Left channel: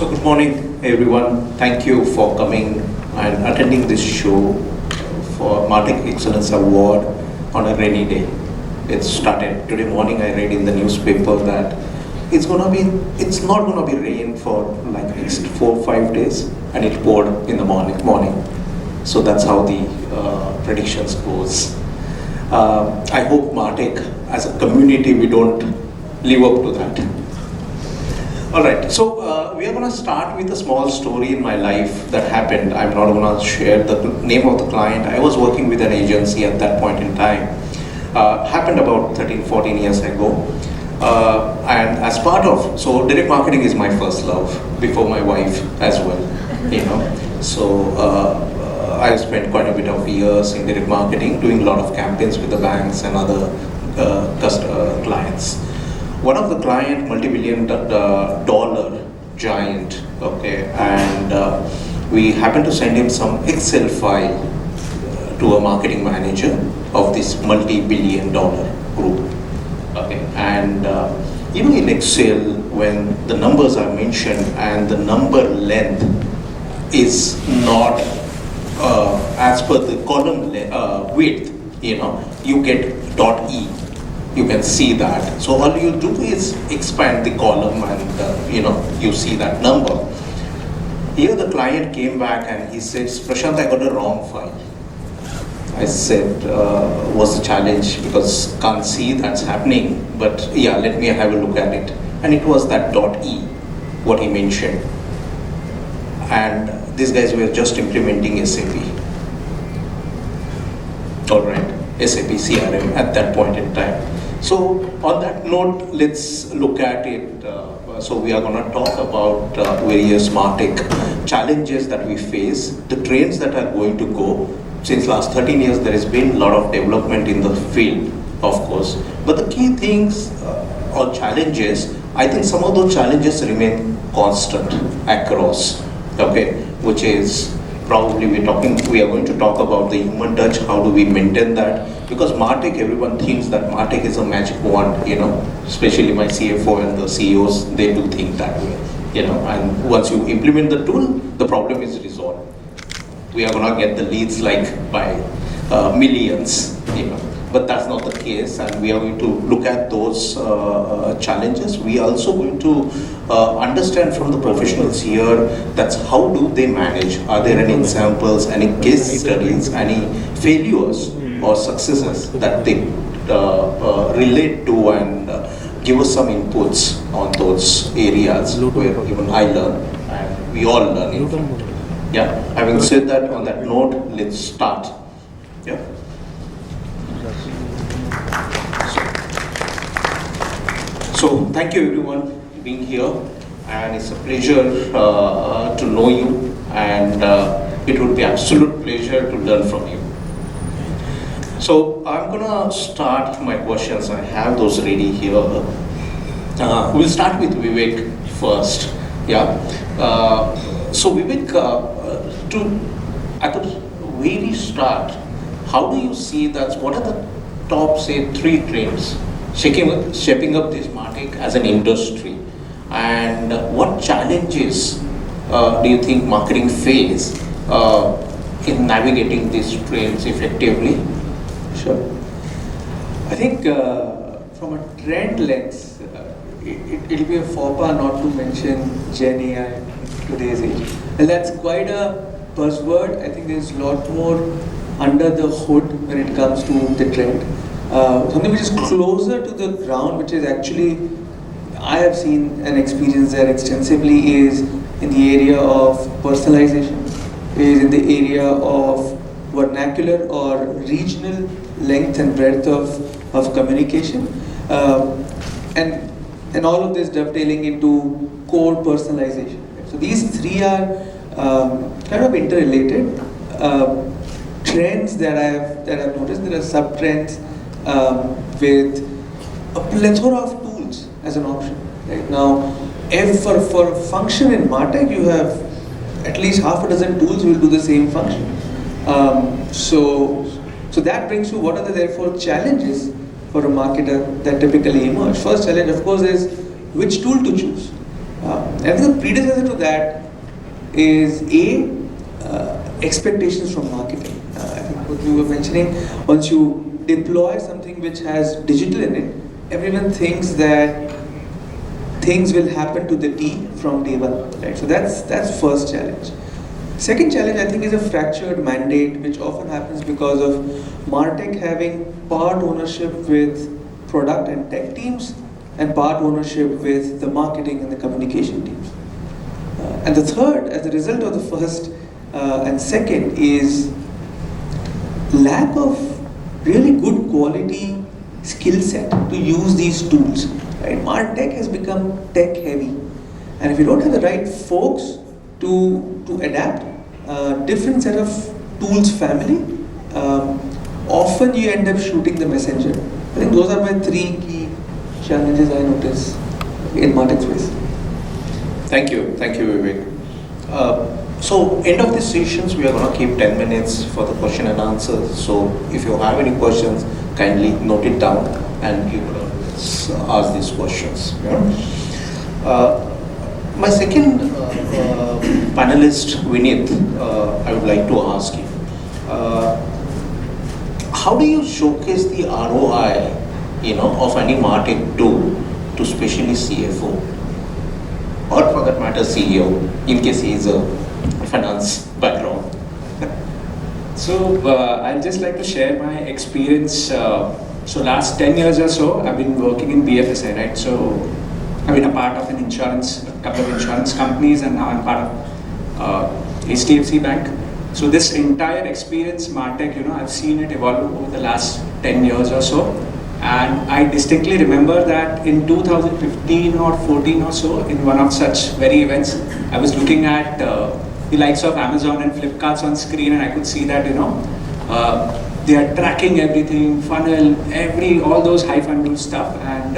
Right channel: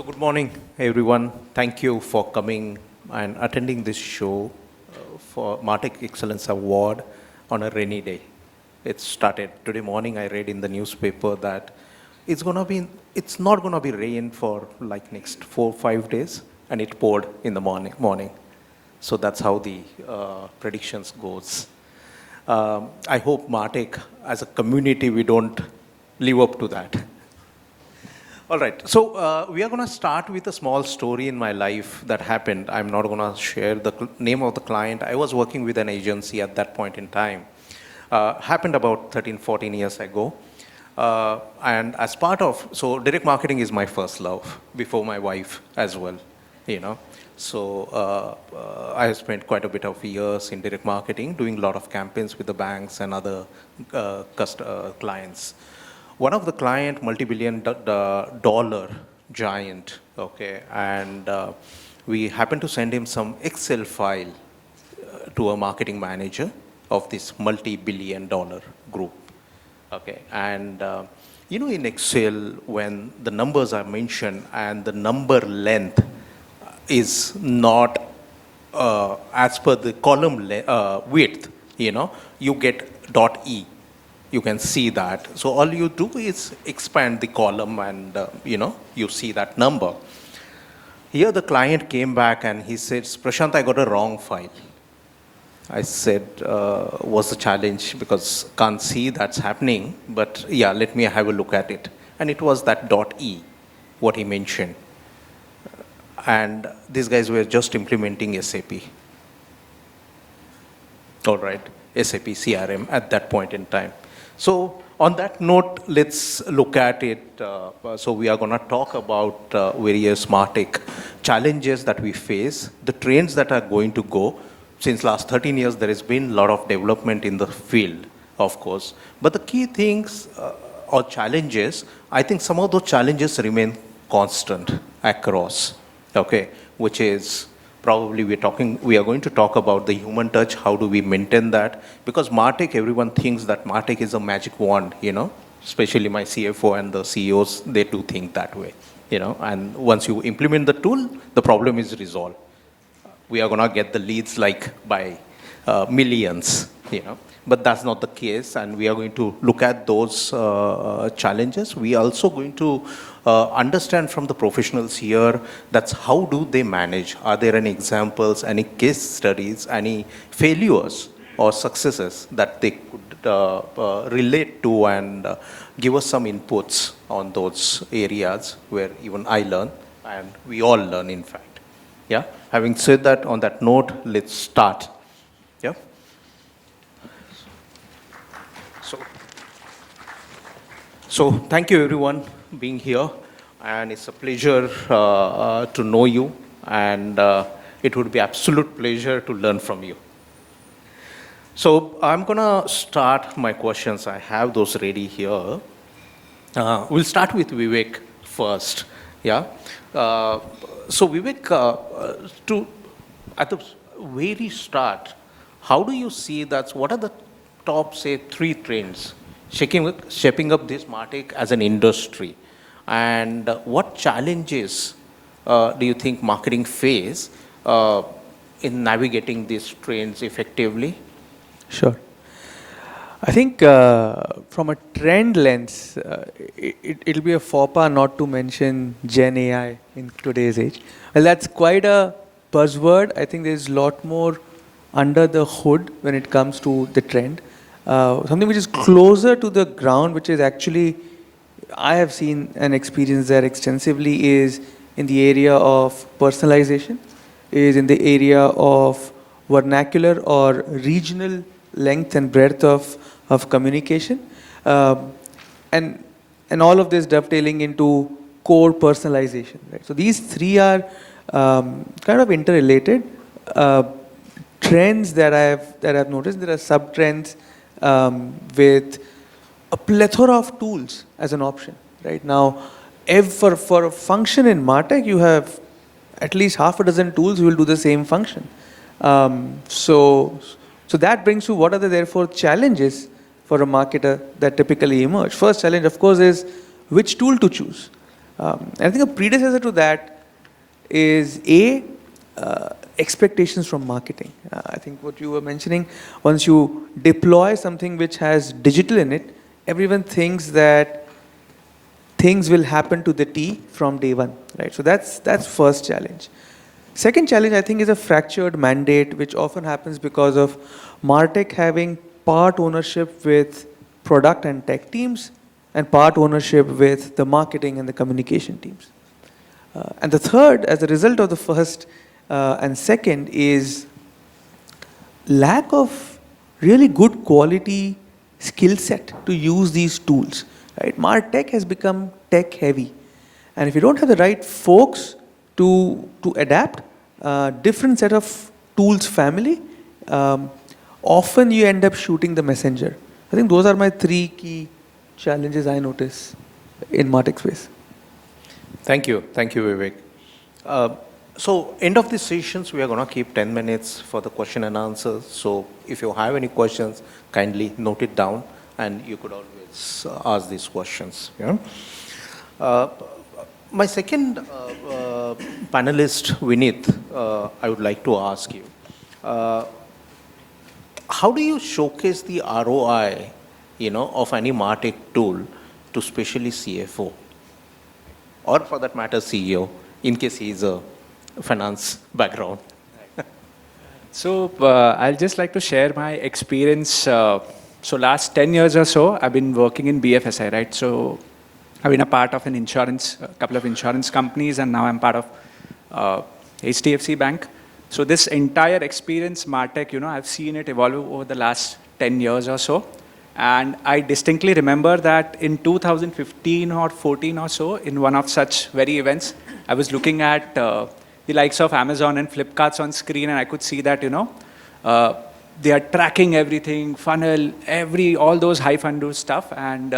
So good morning, everyone. Thank you for coming and attending this show for Martech Excellence Award on a rainy day. It started today morning. I read in the newspaper that it's not gonna be rain for like at least 4 or 5 days, and it poured in the morning. So that's how the predictions goes. I hope Martech, as a community, we don't live up to that. All right, so we are going to start with a small story in my life that happened. I'm not going to share the name of the client. I was working with an agency at that point in time. Happened about 13, 14 years ago. And as part of, so direct marketing is my first love, before my wife as well, you know. So I spent quite a bit of years in direct marketing, doing a lot of campaigns with the banks and other clients. One of the client, multi-billion dollar giant, okay, and we happened to send him some Excel file to a marketing manager of this multi-billion dollar group, okay, and even in Excel, when the numbers are mentioned and the number length is not as per the column width, you know, you get .e. You can see that. So all you do is expand the column and you see that number. Here the client came back and he says, Prashant, I got a wrong file. I said, was a challenge because can't see that's happening, but yeah, let me have a look at it. And it was that .e, what he mentioned. And these guys were just implementing SAP. All right, SAP CRM at that point in time. So on that note, let's look at it. So we are going to talk about various Martech challenges that we face, the trends that are going to go. Since last 13 years, there has been a lot of development in the field, of course. But the key things or challenges, I think some of those challenges remain constant across, okay, which is probably we are going to talk about the human touch, how do we maintain that? Because Martech, everyone thinks that Martech is a magic wand, you know, especially my CFO and the CEOs, they do think that way, you know, and once you implement the tool, the problem is resolved. We are going to get the leads like by millions, you know, but that's not the case, and we are going to look at those challenges. We are also going to understand from the professionals here, that's how do they manage? Are there any examples, any case studies, any failures or successes that they relate to and give us some inputs on those areas where even I learn and we all learn. Yeah, having said that, on that note, let's start. Yeah. So thank you everyone being here, and it's a pleasure to know you, and it would be absolute pleasure to learn from you. So I'm gonna start my questions. I have those ready here. We'll start with Vivek first. Yeah. So Vivek, at the very start, how do you see that? What are the top, say, 3 trends shaping up this Martech as an industry, and what challenges do you think marketing face in navigating these trends effectively? Sure. I think from a trend lens, it'll be a faux pas not to mention Gen AI in today's age. Well, that's quite a buzzword. I think there's a lot more under the hood when it comes to the trend. Something which is closer to the ground, which is actually, I have seen and experienced that extensively, is in the area of personalization, is in the area of vernacular or regional length and breadth of communication, and all of this dovetailing into core personalization. Right? So these 3 are kind of interrelated trends that I've noticed. There are sub trends with a plethora of tools as an option. Right now, for a function in Martech, you have at least half a dozen tools will do the same function. So that brings to what are the therefore challenges for a marketer that typically emerge. First challenge, of course, is which tool to choose. I think a predecessor to that is expectations from marketing. I think what you were mentioning, once you deploy something which has digital in it, everyone thinks that things will happen to the T from day one, right? So that's first challenge. Second challenge, I think, is a fractured mandate, which often happens because of Martech having part ownership with product and tech teams and part ownership with the marketing and the communication teams. And the third, as a result of the first and second, is lack of really good quality skill set to use these tools. Right? Martech has become tech heavy, and if you don't have the right folks to adapt different set of tools family, often you end up shooting the messenger. I think those are my three key challenges I notice in Martech space. Thank you, Vivek. So end of the sessions, we are going to keep 10 minutes for the question and answers. So if you have any questions, kindly note it down and you ask these questions. My second panelist, Vineet, I would like to ask you, how do you showcase the ROI, of any Martech tool to especially CFO, or for that matter CEO, in case he is a finance background? So I'd just like to share my experience. So last 10 years or so, I've been working in BFSI, right? So I've been a part of a couple of insurance companies, and now I'm part of HDFC Bank. So this entire experience, Martech, I've seen it evolve over the last 10 years or so. And I distinctly remember that in 2015 or 14 or so, in one of such very events, I was looking at the likes of Amazon and Flipkart's on screen, and I could see that, they are tracking everything, funnel, all those high funnel stuff. And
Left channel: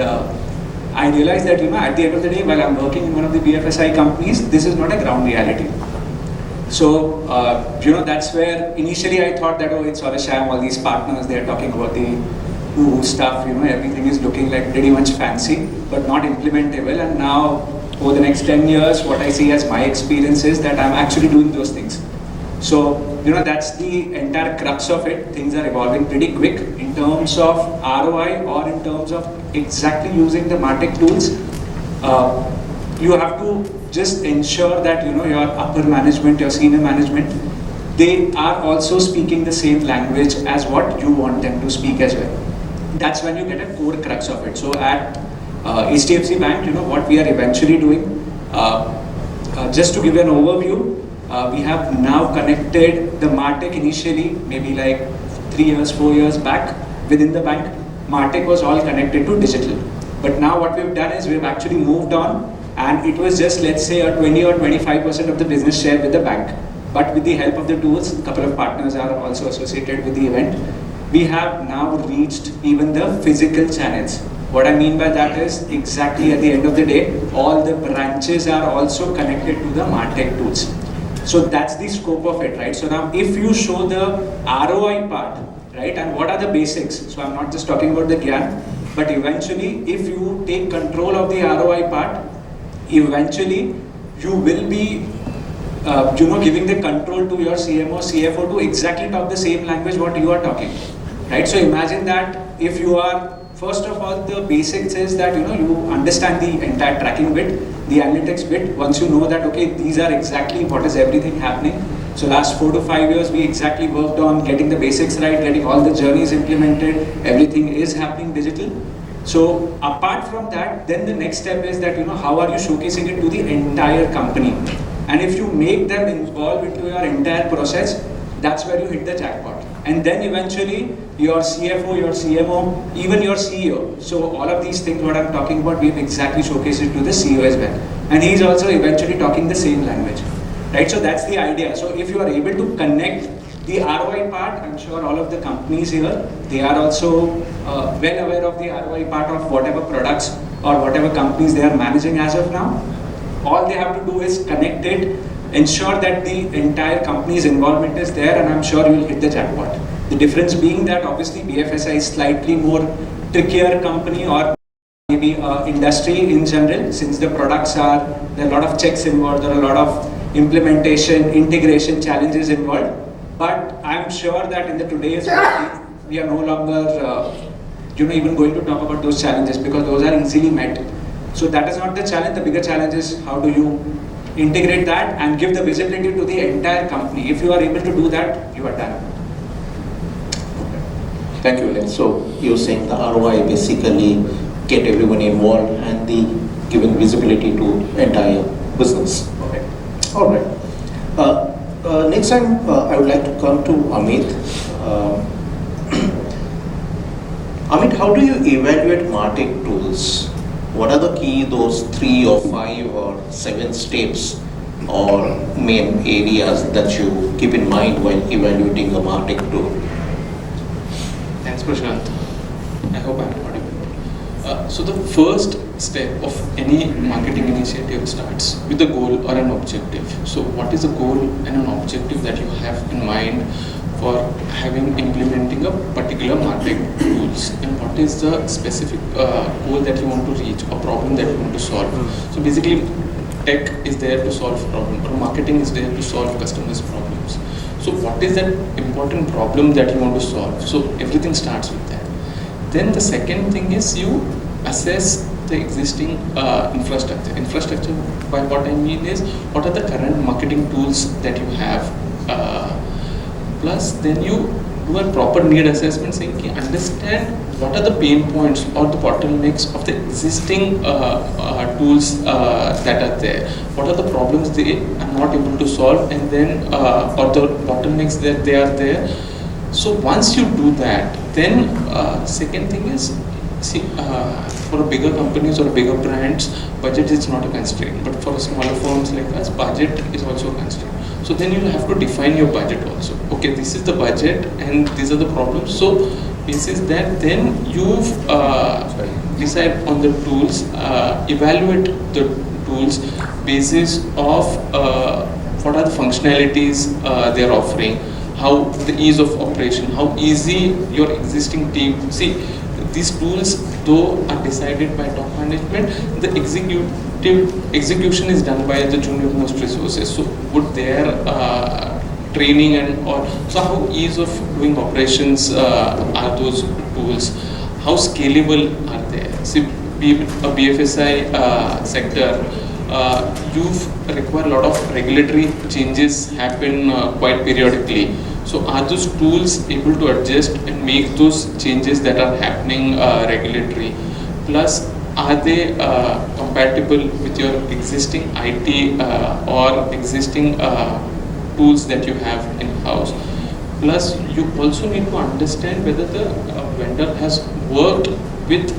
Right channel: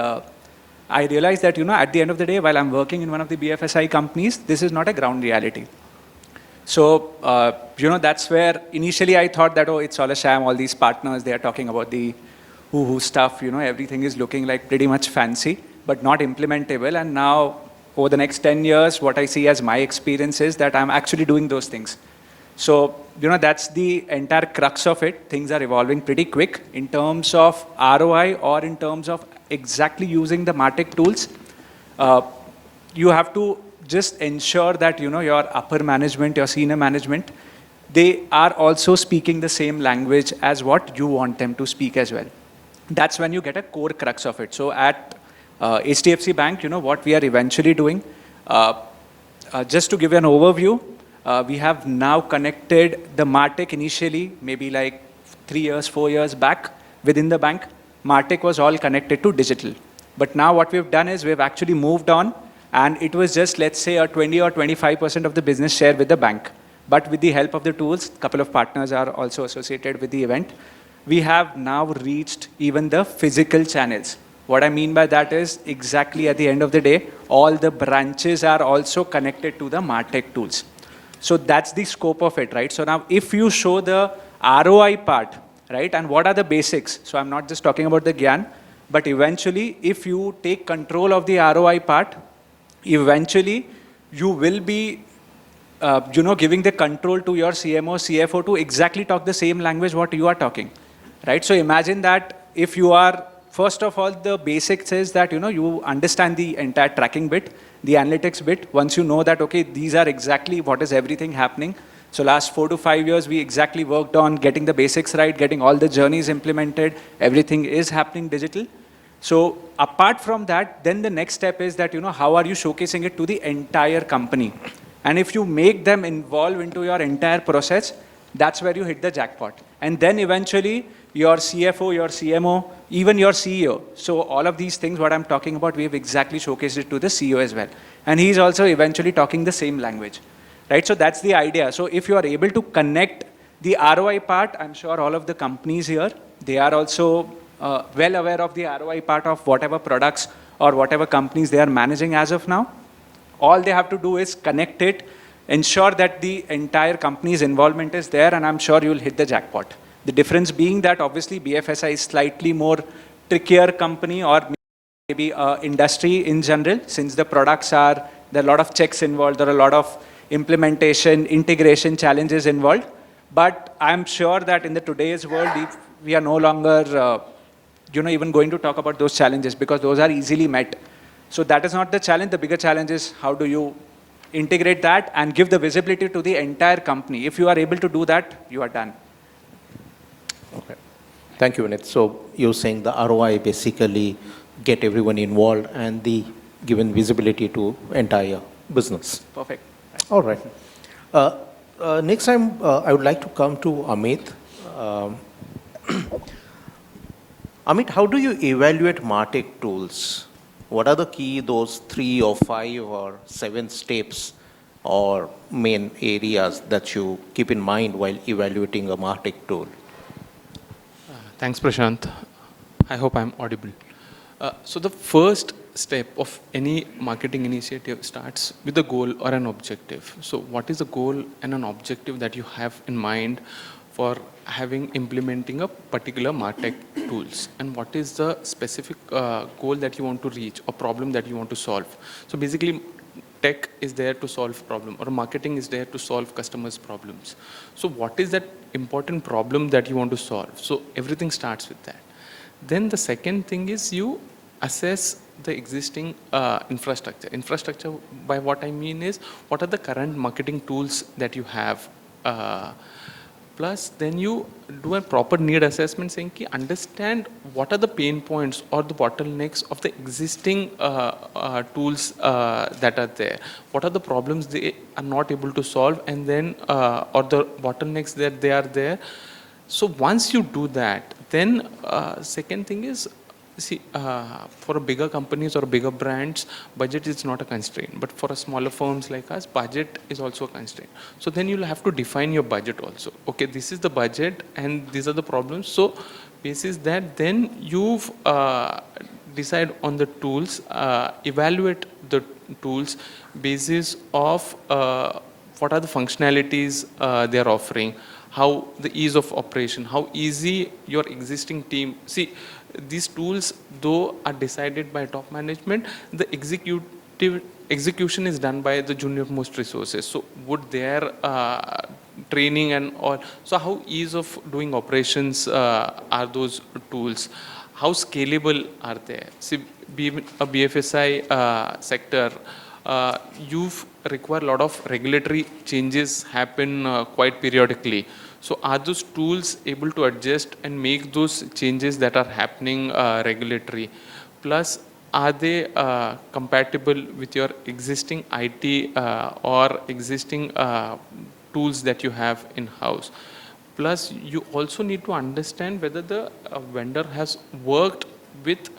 I realized that, at the end of the day, while I'm working in one of the BFSI companies, this is not a ground reality. So, that's where initially I thought that, it's all a sham, all these partners, they are talking about the woo stuff, everything is looking like pretty much fancy, but not implementable. And now, over the next 10 years, what I see as my experience is that I'm actually doing those things. So, that's the entire crux of it. Things are evolving pretty quick in terms of ROI or in terms of exactly using the Martech tools. You have to just ensure that, your upper management, your senior management, they are also speaking the same language as what you want them to speak as well. That's when you get a core crux of it. So at HDFC Bank, what we are eventually doing, just to give an overview, we have now connected the Martech initially, maybe like 3 years, 4 years back within the bank. Martech was all connected to digital. But now what we've done is we've actually moved on, and it was just, let's say, a 20 or 25% of the business share with the bank. But with the help of the tools, a couple of partners are also associated with the event. We have now reached even the physical channels. What I mean by that is exactly at the end of the day, all the branches are also connected to the Martech tools. So that's the scope of it, right? So now if you show the ROI part, right, and what are the basics? So I'm not just talking about the Gyan, but eventually if you take control of the ROI part, eventually you will be giving the control to your CMO, CFO to exactly talk the same language what you are talking, right? So imagine that if you are, first of all, the basics is that, you understand the entire tracking bit, the analytics bit. Once you know that, okay, these are exactly what is everything happening. So last 4 to 5 years, we exactly worked on getting the basics right, getting all the journeys implemented, everything is happening digital. So apart from that, then the next step is that, how are you showcasing it to the entire company? And if you make them involved into your entire process, that's where you hit the jackpot. And then eventually your CFO, your CMO, even your CEO. So all of these things what I'm talking about, we've exactly showcased it to the CEO as well. And he's also eventually talking the same language, right? So that's the idea. So if you are able to connect the ROI part, I'm sure all of the companies here, they are also well aware of the ROI part of whatever products or whatever companies they are managing as of now. All they have to do is connect it, ensure that the entire company's involvement is there, and I'm sure you will hit the jackpot. The difference being that obviously BFSI is slightly more trickier company or maybe industry in general, since the products are there are a lot of checks involved, there are a lot of implementation, integration challenges involved. But I'm sure that in the today's world, we are no longer, even going to talk about those challenges because those are easily met. So that is not the challenge. The bigger challenge is how do you integrate that and give the visibility to the entire company. If you are able to do that, you are done. Thank you, Viren. So you're saying the ROI basically get everyone involved and the giving visibility to entire business. Okay. All right. Next time, I would like to come to Amit. Amit, how do you evaluate Martech tools? What are the key, those 3 or 5 or 7 steps or main areas that you keep in mind when evaluating a Martech tool? Thanks, Prashant. I hope I'm audible. So the first step of any marketing initiative starts with a goal or an objective. So what is a goal and an objective that you have in mind for implementing a particular Martech tools, and what is the specific goal that you want to reach or problem that you want to solve? So basically, tech is there to solve problem, or marketing is there to solve customers' problems. So what is that important problem that you want to solve? So everything starts with that. Then the second thing is you assess the existing infrastructure. Infrastructure, by what I mean is, what are the current marketing tools that you have? Plus, then you do a proper need assessment, saying, understand what are the pain points or the bottlenecks of the existing tools that are there. What are the problems they are not able to solve, and then or the bottlenecks that they are there. So once you do that, then second thing is, for bigger companies or bigger brands, budget is not a constraint. But for smaller firms like us, budget is also a constraint. So then you have to define your budget also. Okay, this is the budget and these are the problems. So this is that. Then you've decide on the tools, evaluate the tools basis of what are the functionalities they are offering, how the ease of operation, how easy your existing team. See, these tools though are decided by top management, the execution is done by the junior most resources. So would their training and or so how ease of doing operations are those tools? How scalable are they? See, a BFSI sector, you've require a lot of regulatory changes happen quite periodically. So are those tools able to adjust and make those changes that are happening regulatory? Plus, are they compatible with your existing IT or existing tools that you have in-house? Plus, you also need to understand whether the vendor has worked with,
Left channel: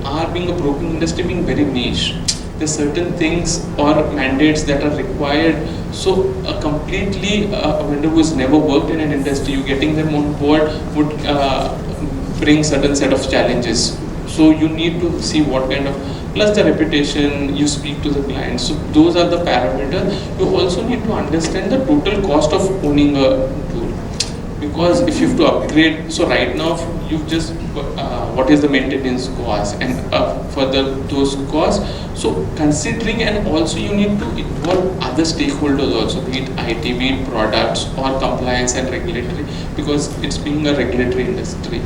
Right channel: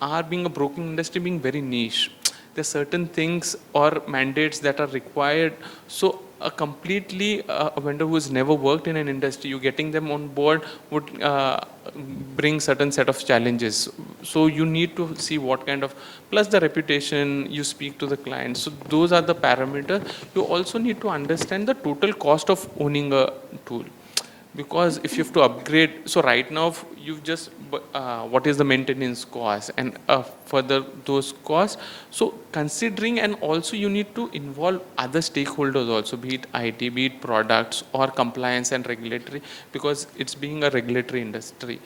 our being a broking industry being very niche. There's certain things or mandates that are required. So completely a vendor who has never worked in an industry, you getting them on board would bring certain set of challenges. So you need to see what kind of, plus the reputation, you speak to the clients. So those are the parameters. You also need to understand the total cost of owning a tool. Because if you have to upgrade, so right now you just, what is the maintenance cost and further those costs. So considering, and also you need to involve other stakeholders also, be it IT, be it products or compliance and regulatory, because it's being a regulatory industry.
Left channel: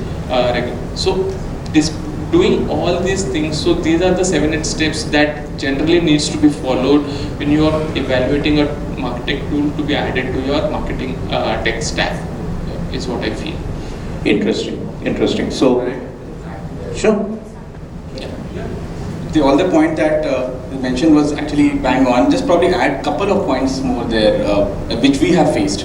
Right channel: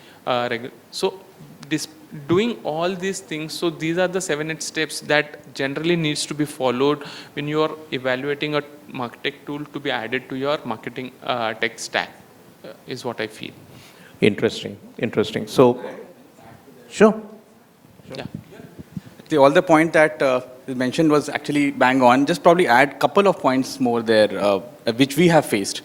So this doing all these things, so these are the 7-8 steps that generally needs to be followed when you are evaluating a Martech tool to be added to your marketing tech stack, is what I feel. Interesting. So, sure. The other point that you mentioned was actually bang on. Just probably add a couple of points more there, which we have faced.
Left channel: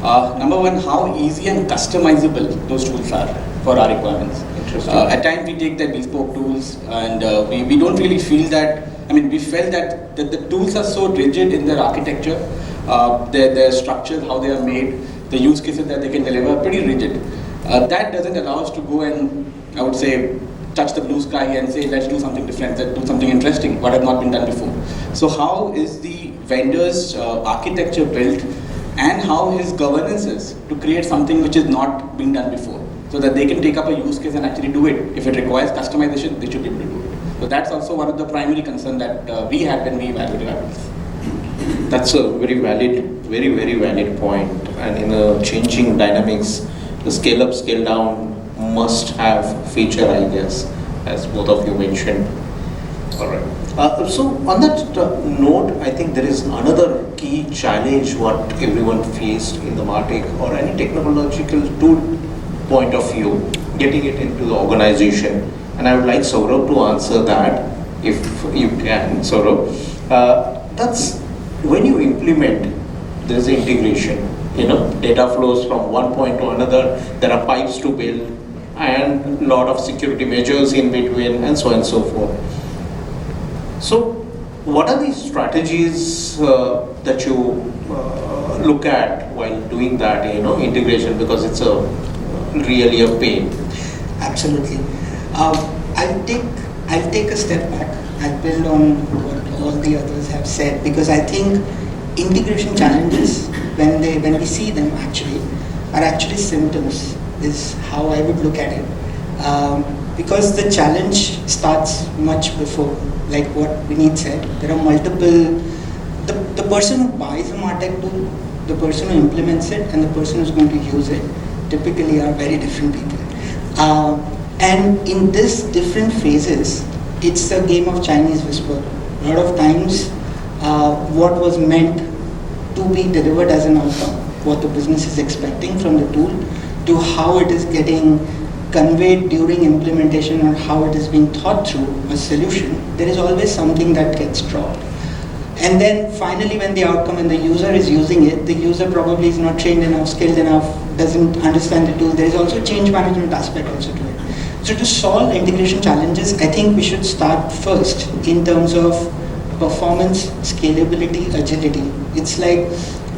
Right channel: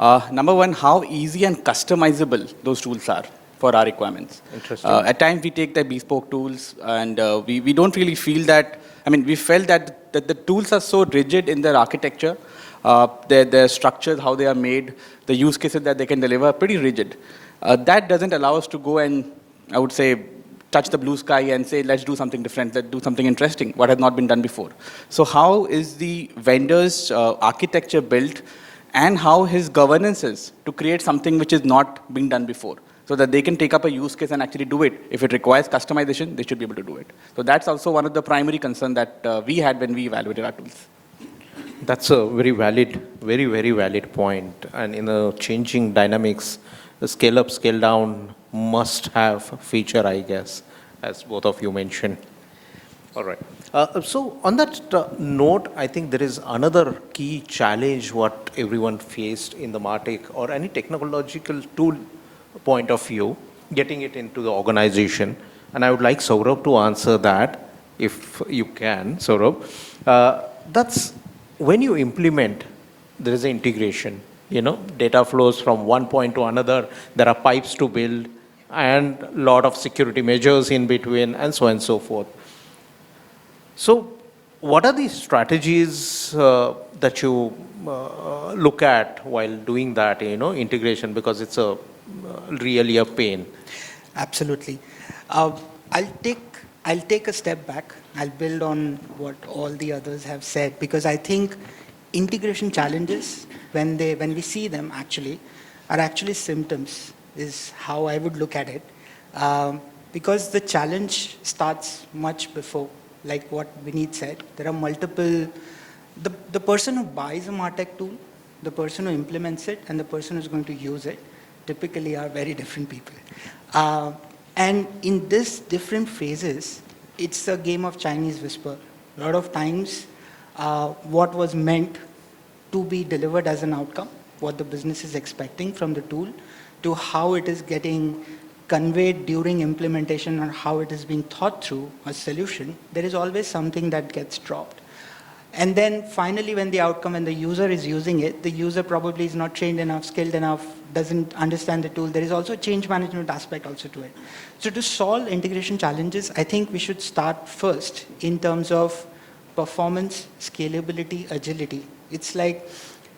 Number one, how easy and customizable those tools are for our requirements. At times we take the bespoke tools and we don't really feel that, we felt that the tools are so rigid in their architecture, their structure, how they are made, the use cases that they can deliver are pretty rigid. That doesn't allow us to go and, I would say, touch the blue sky and say, let's do something different, let's do something interesting, what has not been done before. So how is the vendor's architecture built, and how his governance is to create something which is not being done before, so that they can take up a use case and actually do it. If it requires customization, they should be able to do it. So that's also one of the primary concerns that we had when we evaluated our tools. That's a very, very valid point. And in the changing dynamics, the scale up, scale down must have feature, I guess, as both of you mentioned. All right. So on that note, I think there is another key challenge what everyone faced in the Martech or any technological tool point of view, getting it into the organization. And I would like Saurabh to answer that, if you can, Saurabh. That's when you implement, there is integration. Data flows from one point to another. There are pipes to build, and a lot of security measures in between, and so on and so forth. So, what are the strategies that you look at while doing that, integration? Because it's really a pain. Absolutely. I'll take a step back. I'll build on what all the others have said, because I think integration challenges, when we see them are actually symptoms, is how I would look at it. Because the challenge starts much before, like what Vineet said. There are multiple, the person who buys a Martech tool, the person who implements it, and the person who's going to use it typically are very different people. And in these different phases, it's a game of Chinese whisper. A lot of times, what was meant to be delivered as an outcome, what the business is expecting from the tool, to how it is getting conveyed during implementation or how it is being thought through a solution, there is always something that gets dropped. And then finally, when the outcome and the user is using it, the user probably is not trained enough, skilled enough, doesn't understand the tool. There is also change management aspect also to it. So to solve integration challenges, I think we should start first in terms of performance, scalability, agility. It's like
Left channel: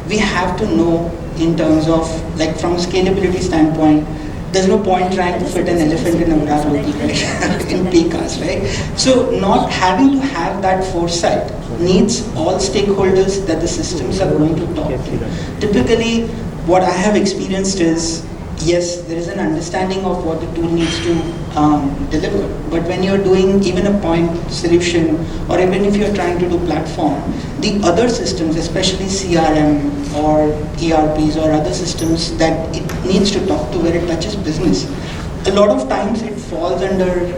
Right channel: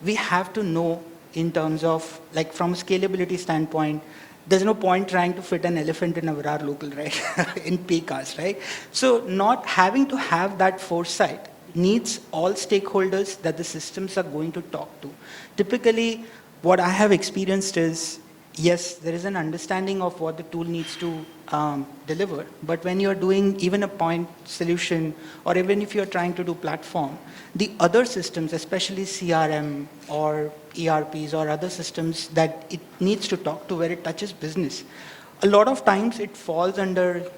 we have to know in terms of, like from a scalability standpoint, there's no point trying to fit an elephant in a graph local, right? In PCAS, right? So not having to have that foresight needs all stakeholders that the systems are going to talk to. Typically, what I have experienced is, yes, there is an understanding of what the tool needs to deliver. But when you're doing even a point solution, or even if you're trying to do platform, the other systems, especially CRM or ERPs or other systems that it needs to talk to where it touches business, a lot of times it falls under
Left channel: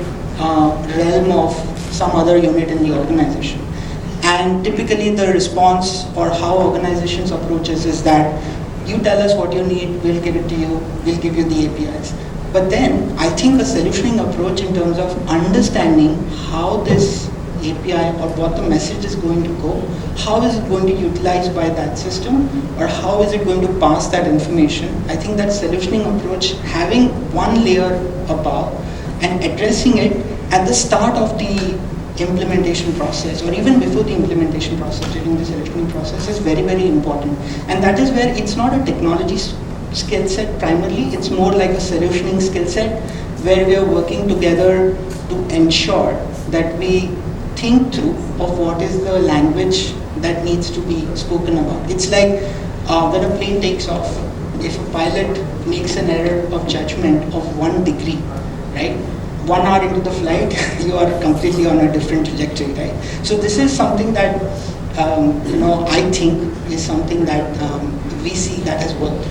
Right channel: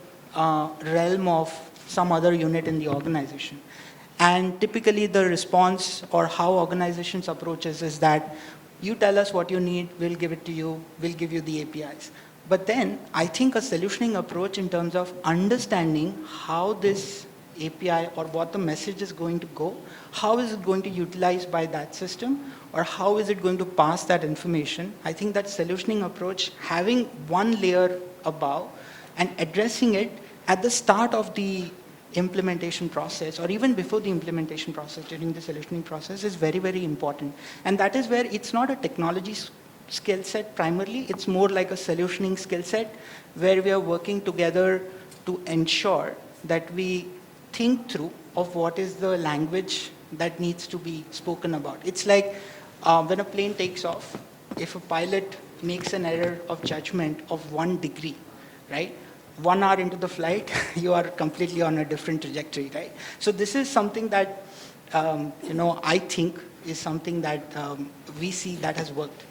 realm of some other unit in the organization. And typically the response or how organizations approaches is that you tell us what you need, we'll give it to you, we'll give you the APIs. But then I think a solutioning approach in terms of understanding how this API or what the message is going to go, how is it going to be utilized by that system, or how is it going to pass that information. I think that solutioning approach, having one layer above and addressing it at the start of the implementation process, or even before the implementation process, during the solutioning process, is very, very important. And that is where it's not a technology skill set primarily, it's more like a solutioning skill set where we are working together to ensure that we think through of what is the language that needs to be spoken about. It's like when a plane takes off, if a pilot makes an error of judgment of 1 degree, right? 1 hour into the flight, you are completely on a different trajectory, right? So this is something that, I think is something that we see that has worked.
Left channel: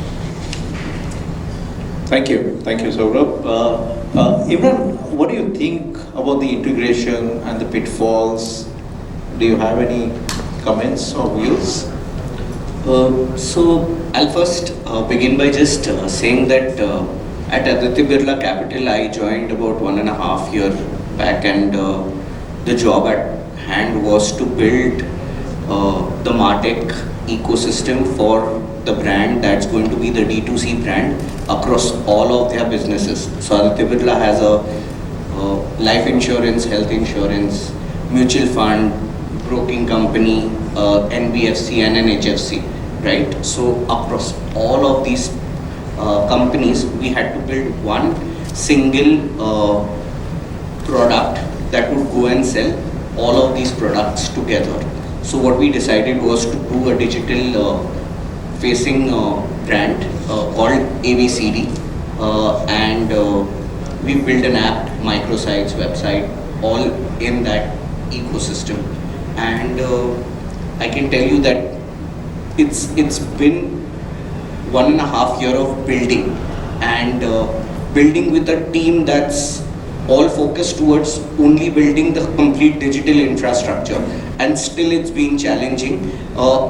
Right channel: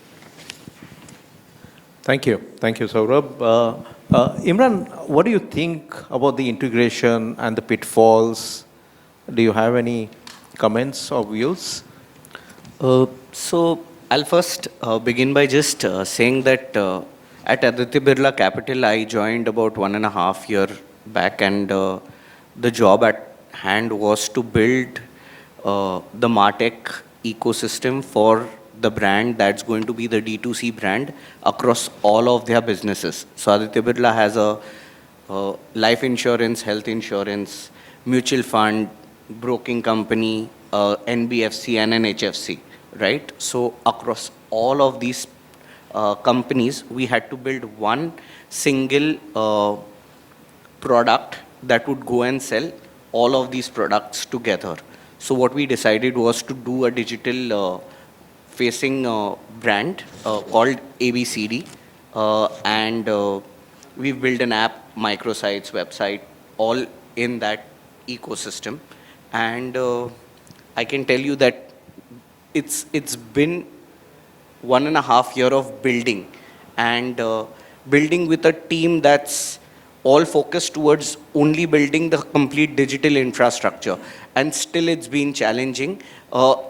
Thank you, Saurabh. Imran, what do you think about the integration and the pitfalls? Do you have any comments or views? So I'll first begin by just saying that at Aditya Birla Capital, I joined about 1.5 years back, and the job at hand was to build the Martech ecosystem for the brand that's going to be the D2C brand across all of their businesses. So Aditya Birla has a life insurance, health insurance, mutual fund, broking company, NBFC and an HFC, right? So across all of these companies, we had to build one single product that would go and sell all of these products together. So what we decided was to do a digital facing brand called ABCD, and we built an app, microsites, website, all in that ecosystem. And I can tell you that it's been 1.5 years of building, and building with a team that's all focused towards only building the complete digital infrastructure, and still it's been challenging,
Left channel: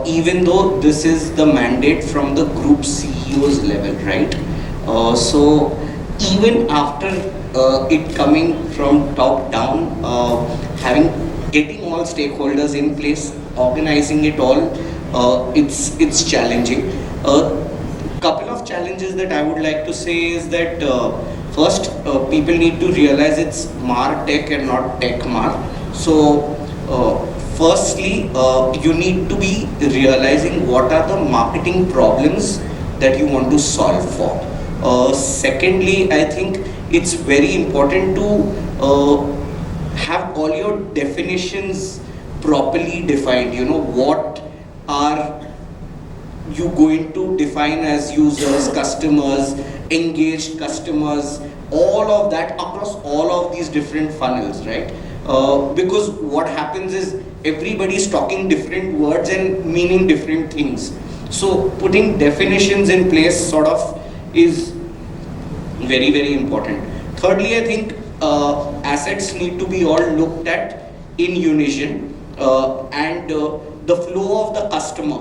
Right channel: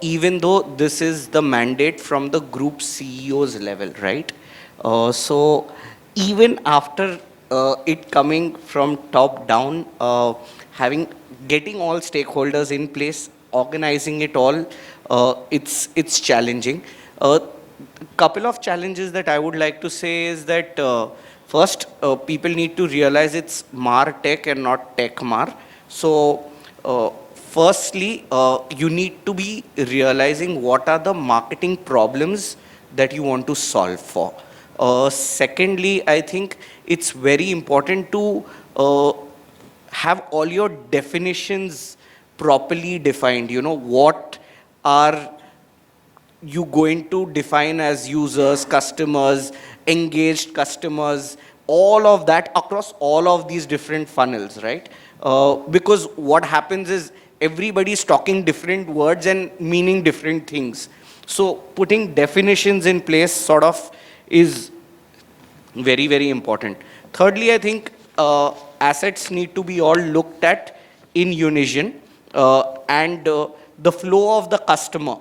even though this is the mandate from the group CEO's level, right? So even after it coming from top down, getting all stakeholders in place, organizing it all, it's challenging. Couple of challenges that I would like to say is that first, people need to realize it's Martech and not Tech Mar. So, firstly, you need to be realizing what are the marketing problems that you want to solve for. Secondly, I think it's very important to have all your definitions properly defined. You know, what are you going to define as users, customers, engaged customers, all of that across all of these different funnels, right? Because what happens is everybody's talking different words and meaning different things. So putting definitions in place sort of is very, very important. Thirdly, I think assets need to be all looked at in unison, and the flow of the customer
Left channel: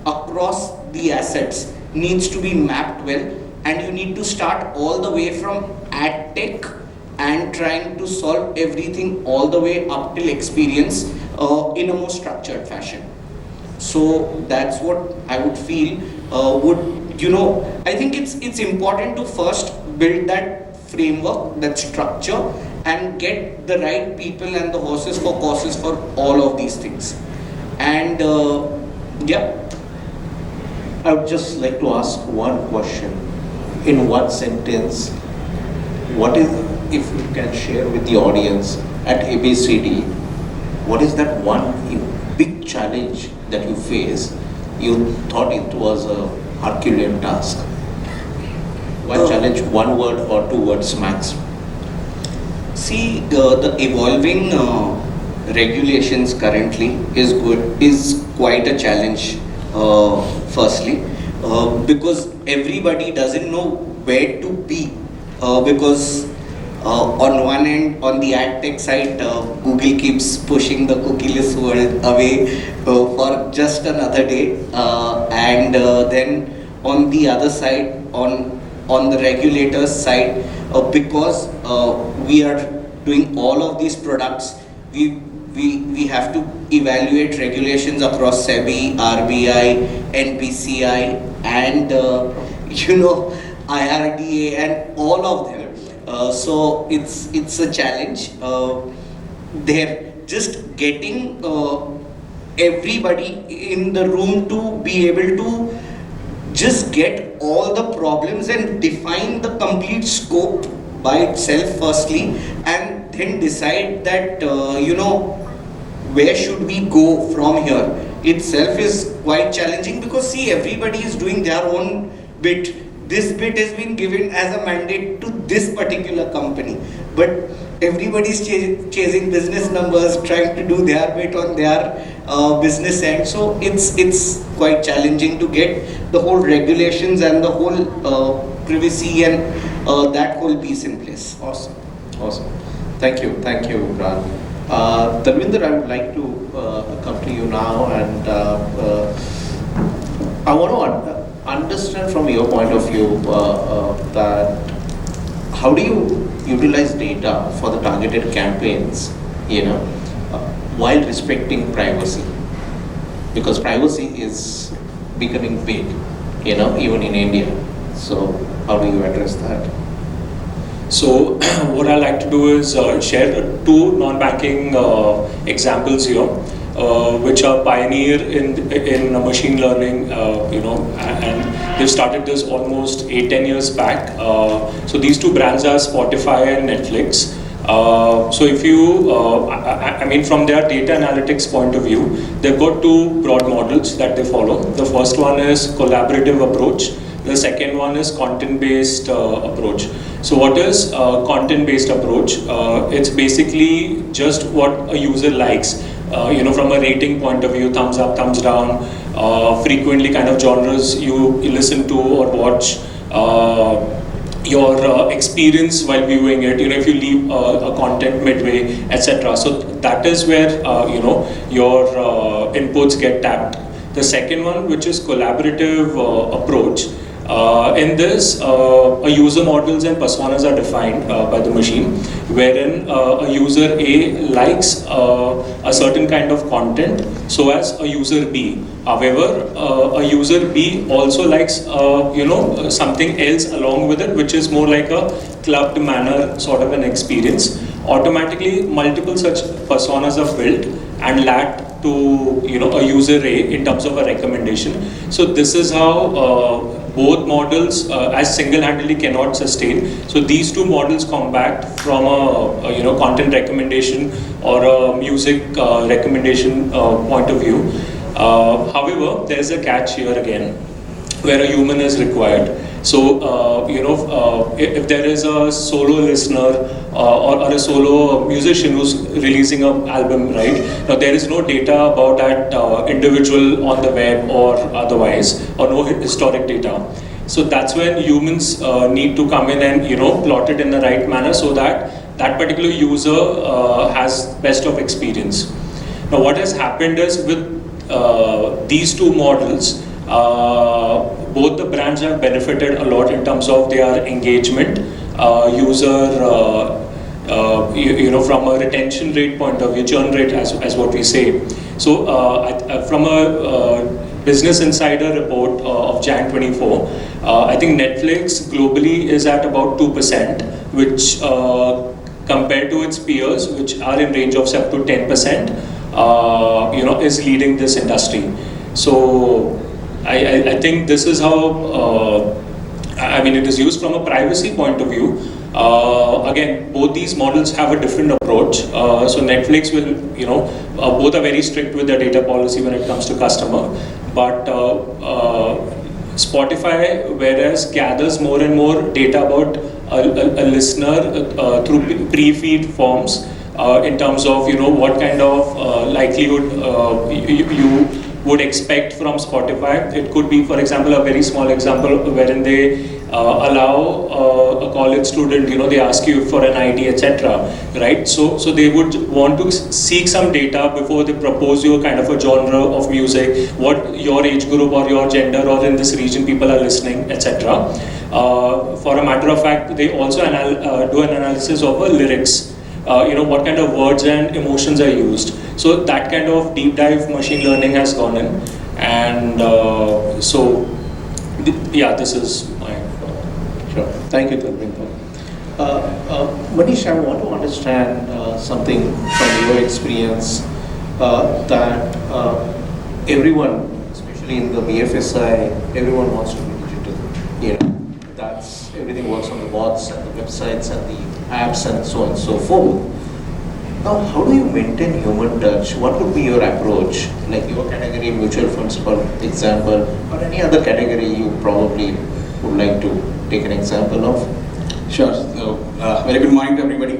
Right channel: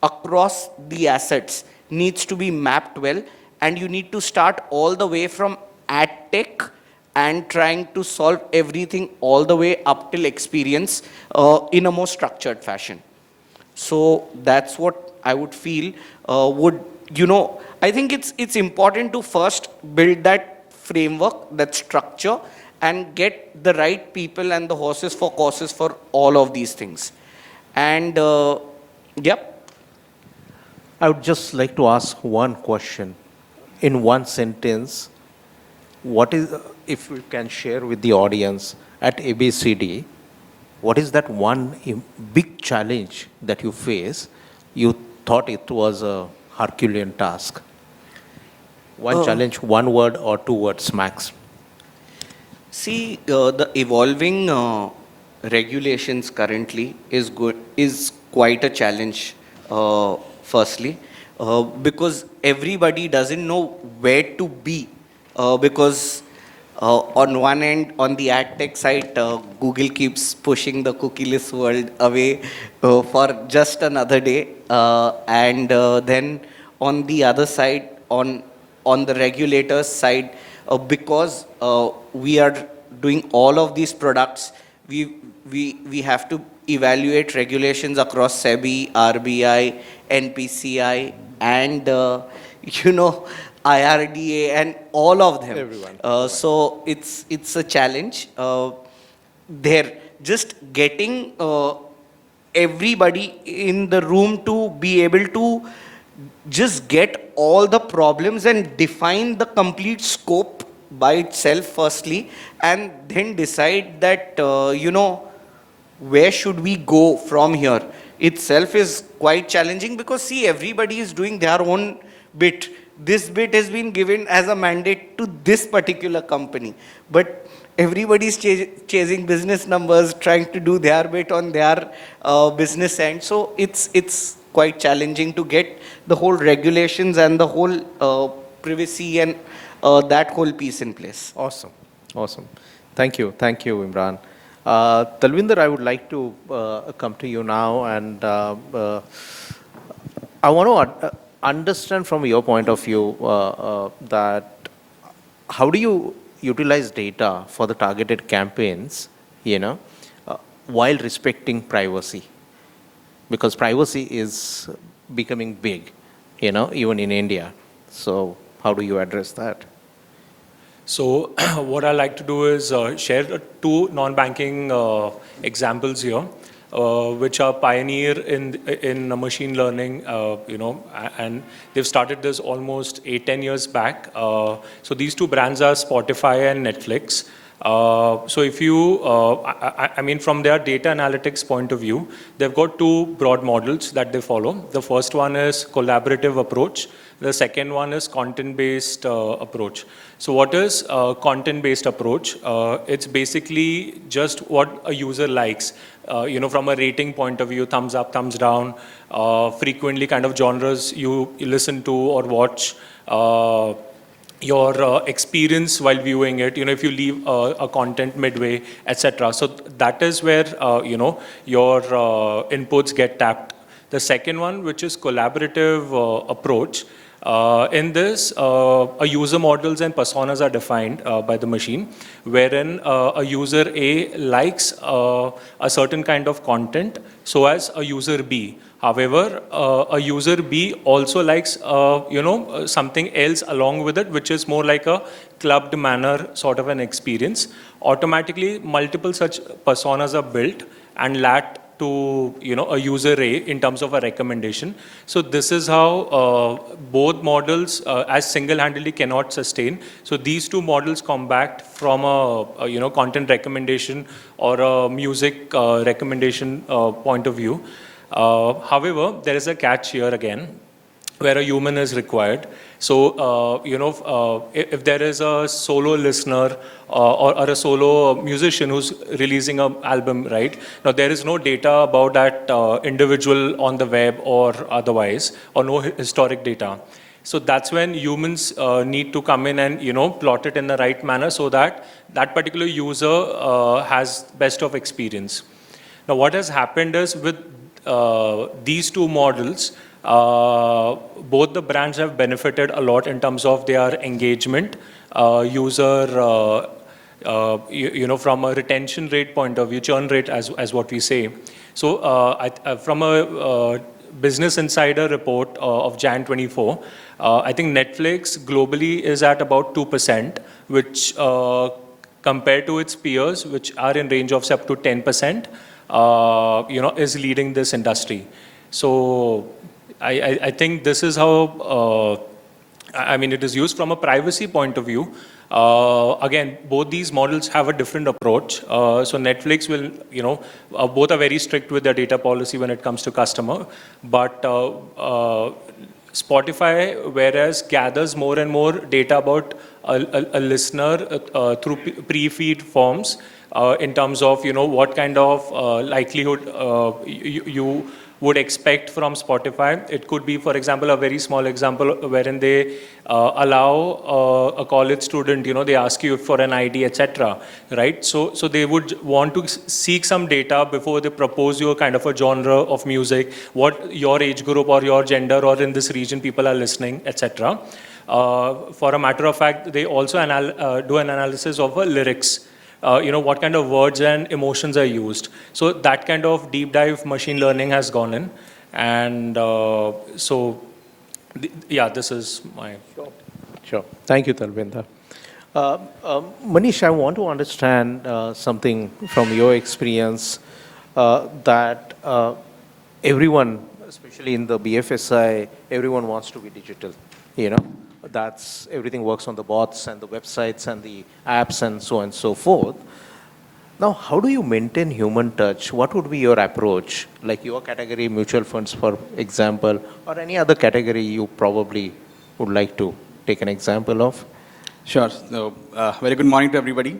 across the assets needs to be mapped well, and you need to start all the way from ad tech and trying to solve everything all the way up till experience in a more structured fashion. So that's what I would feel I think it's important to first build that framework, that structure, and get the right people and the horses for courses for all of these things. And yeah. I would just like to ask one question in one sentence. What is, if you can share with the audience at ABCD, what is that one big challenge that you face? You thought it was a Herculean task. Why challenge, one word or two words max? See, the evolving regulations currently is quite a challenge. Firstly, because everybody doesn't know where to be, because on one end, on the ad tech side, Google keeps pushing the cookieless world away for just another day, and then on the other side, on the regulators side, because we are doing all of these products, we have to evaluate regulations across SEBI, RBI, NPCI, and IRDA, and all of them. So it's a challenge. They're just getting everybody in the room to be able to just get all the problems and define the complete scope by itself firstly, and then decide that where should we go from here itself is quite challenging, because see, everybody is doing their own bit. This bit has been given as a mandate to this particular company, but everybody's chasing business numbers, trying to do their bit on their business end. So it's quite challenging to get the whole regulations and the whole privacy and that whole piece in place. Awesome. Thank you, Imran. Darvinder, I would like to come to you now, and I want to understand from your point of view that how do you utilize data for the targeted campaigns, while respecting privacy, because privacy is becoming big, even in India. So how do you address that? So what I like to do is share two non-banking examples here, which are pioneer in machine learning, and we started this almost 8-10 years back. So these two brands are Spotify and Netflix. So if you, I mean, from their data analytics point of view, they've got two broad models that they follow. The first one is collaborative approach. The second one is content-based approach. So what is content-based approach? It's basically just what a user likes. From a rating point of view, thumbs up, thumbs down, frequently kind of genres you listen to or watch. Your experience while viewing it, if you leave a content midway, etc. So that is where your inputs get tagged. The second one, which is collaborative approach. In this, a user models and personas are defined by the machine, wherein a user A likes a certain kind of content, so as a user B. However, a user B also likes something else along with it, which is more like a clubbed manner sort of an experience. Automatically, multiple such personas are built and lagged to a user A in terms of a recommendation. So this is how both models as single-handedly cannot sustain. So these two models come back from a content recommendation or a music recommendation point of view. However, there is a catch here again, where a human is required. So, if there is a solo listener or a solo musician who's releasing an album, right? Now, there is no data about that individual on the web or otherwise, or no historic data. So that's when humans need to come in and plot it in the right manner so that that particular user has best of experience. Now, what has happened is with these two models, both the brands have benefited a lot in terms of their engagement, user, from a retention rate point of view, churn rate as what we say. So from a Business Insider report of Jan 24, I think Netflix globally is at about 2%, which compared to its peers, which are in range of 7 to 10%, is leading this industry. So I think this is how, it is used from a privacy point of view. Again, both these models have a different approach. So Netflix will, both are very strict with their data policy when it comes to customer. But Spotify, whereas gathers more and more data about a listener through pre-feed forms, in terms of what kind of likelihood you would expect from Spotify. It could be, for example, a very small example wherein they allow a college student, they ask you for an ID, etc. Right? So they would want to seek some data before they propose you kind of a genre of music, what your age group or your gender or in this region people are listening, etc. For a matter of fact, they also do an analysis of lyrics. What kind of words and emotions are used. So that kind of deep dive machine learning has gone in, and this is my. Sure. Thank you, Dharmendra. Manish, I want to understand something from your experience that everyone, especially in the BFSI, everyone wants to be digital. That's everything works on the bots and the websites and the apps and so on and so forth. Now, how do you maintain human touch? What would be your approach? Like your category, mutual funds, for example, or any other category you probably would like to take an example of? Sure. So, very good morning to everybody.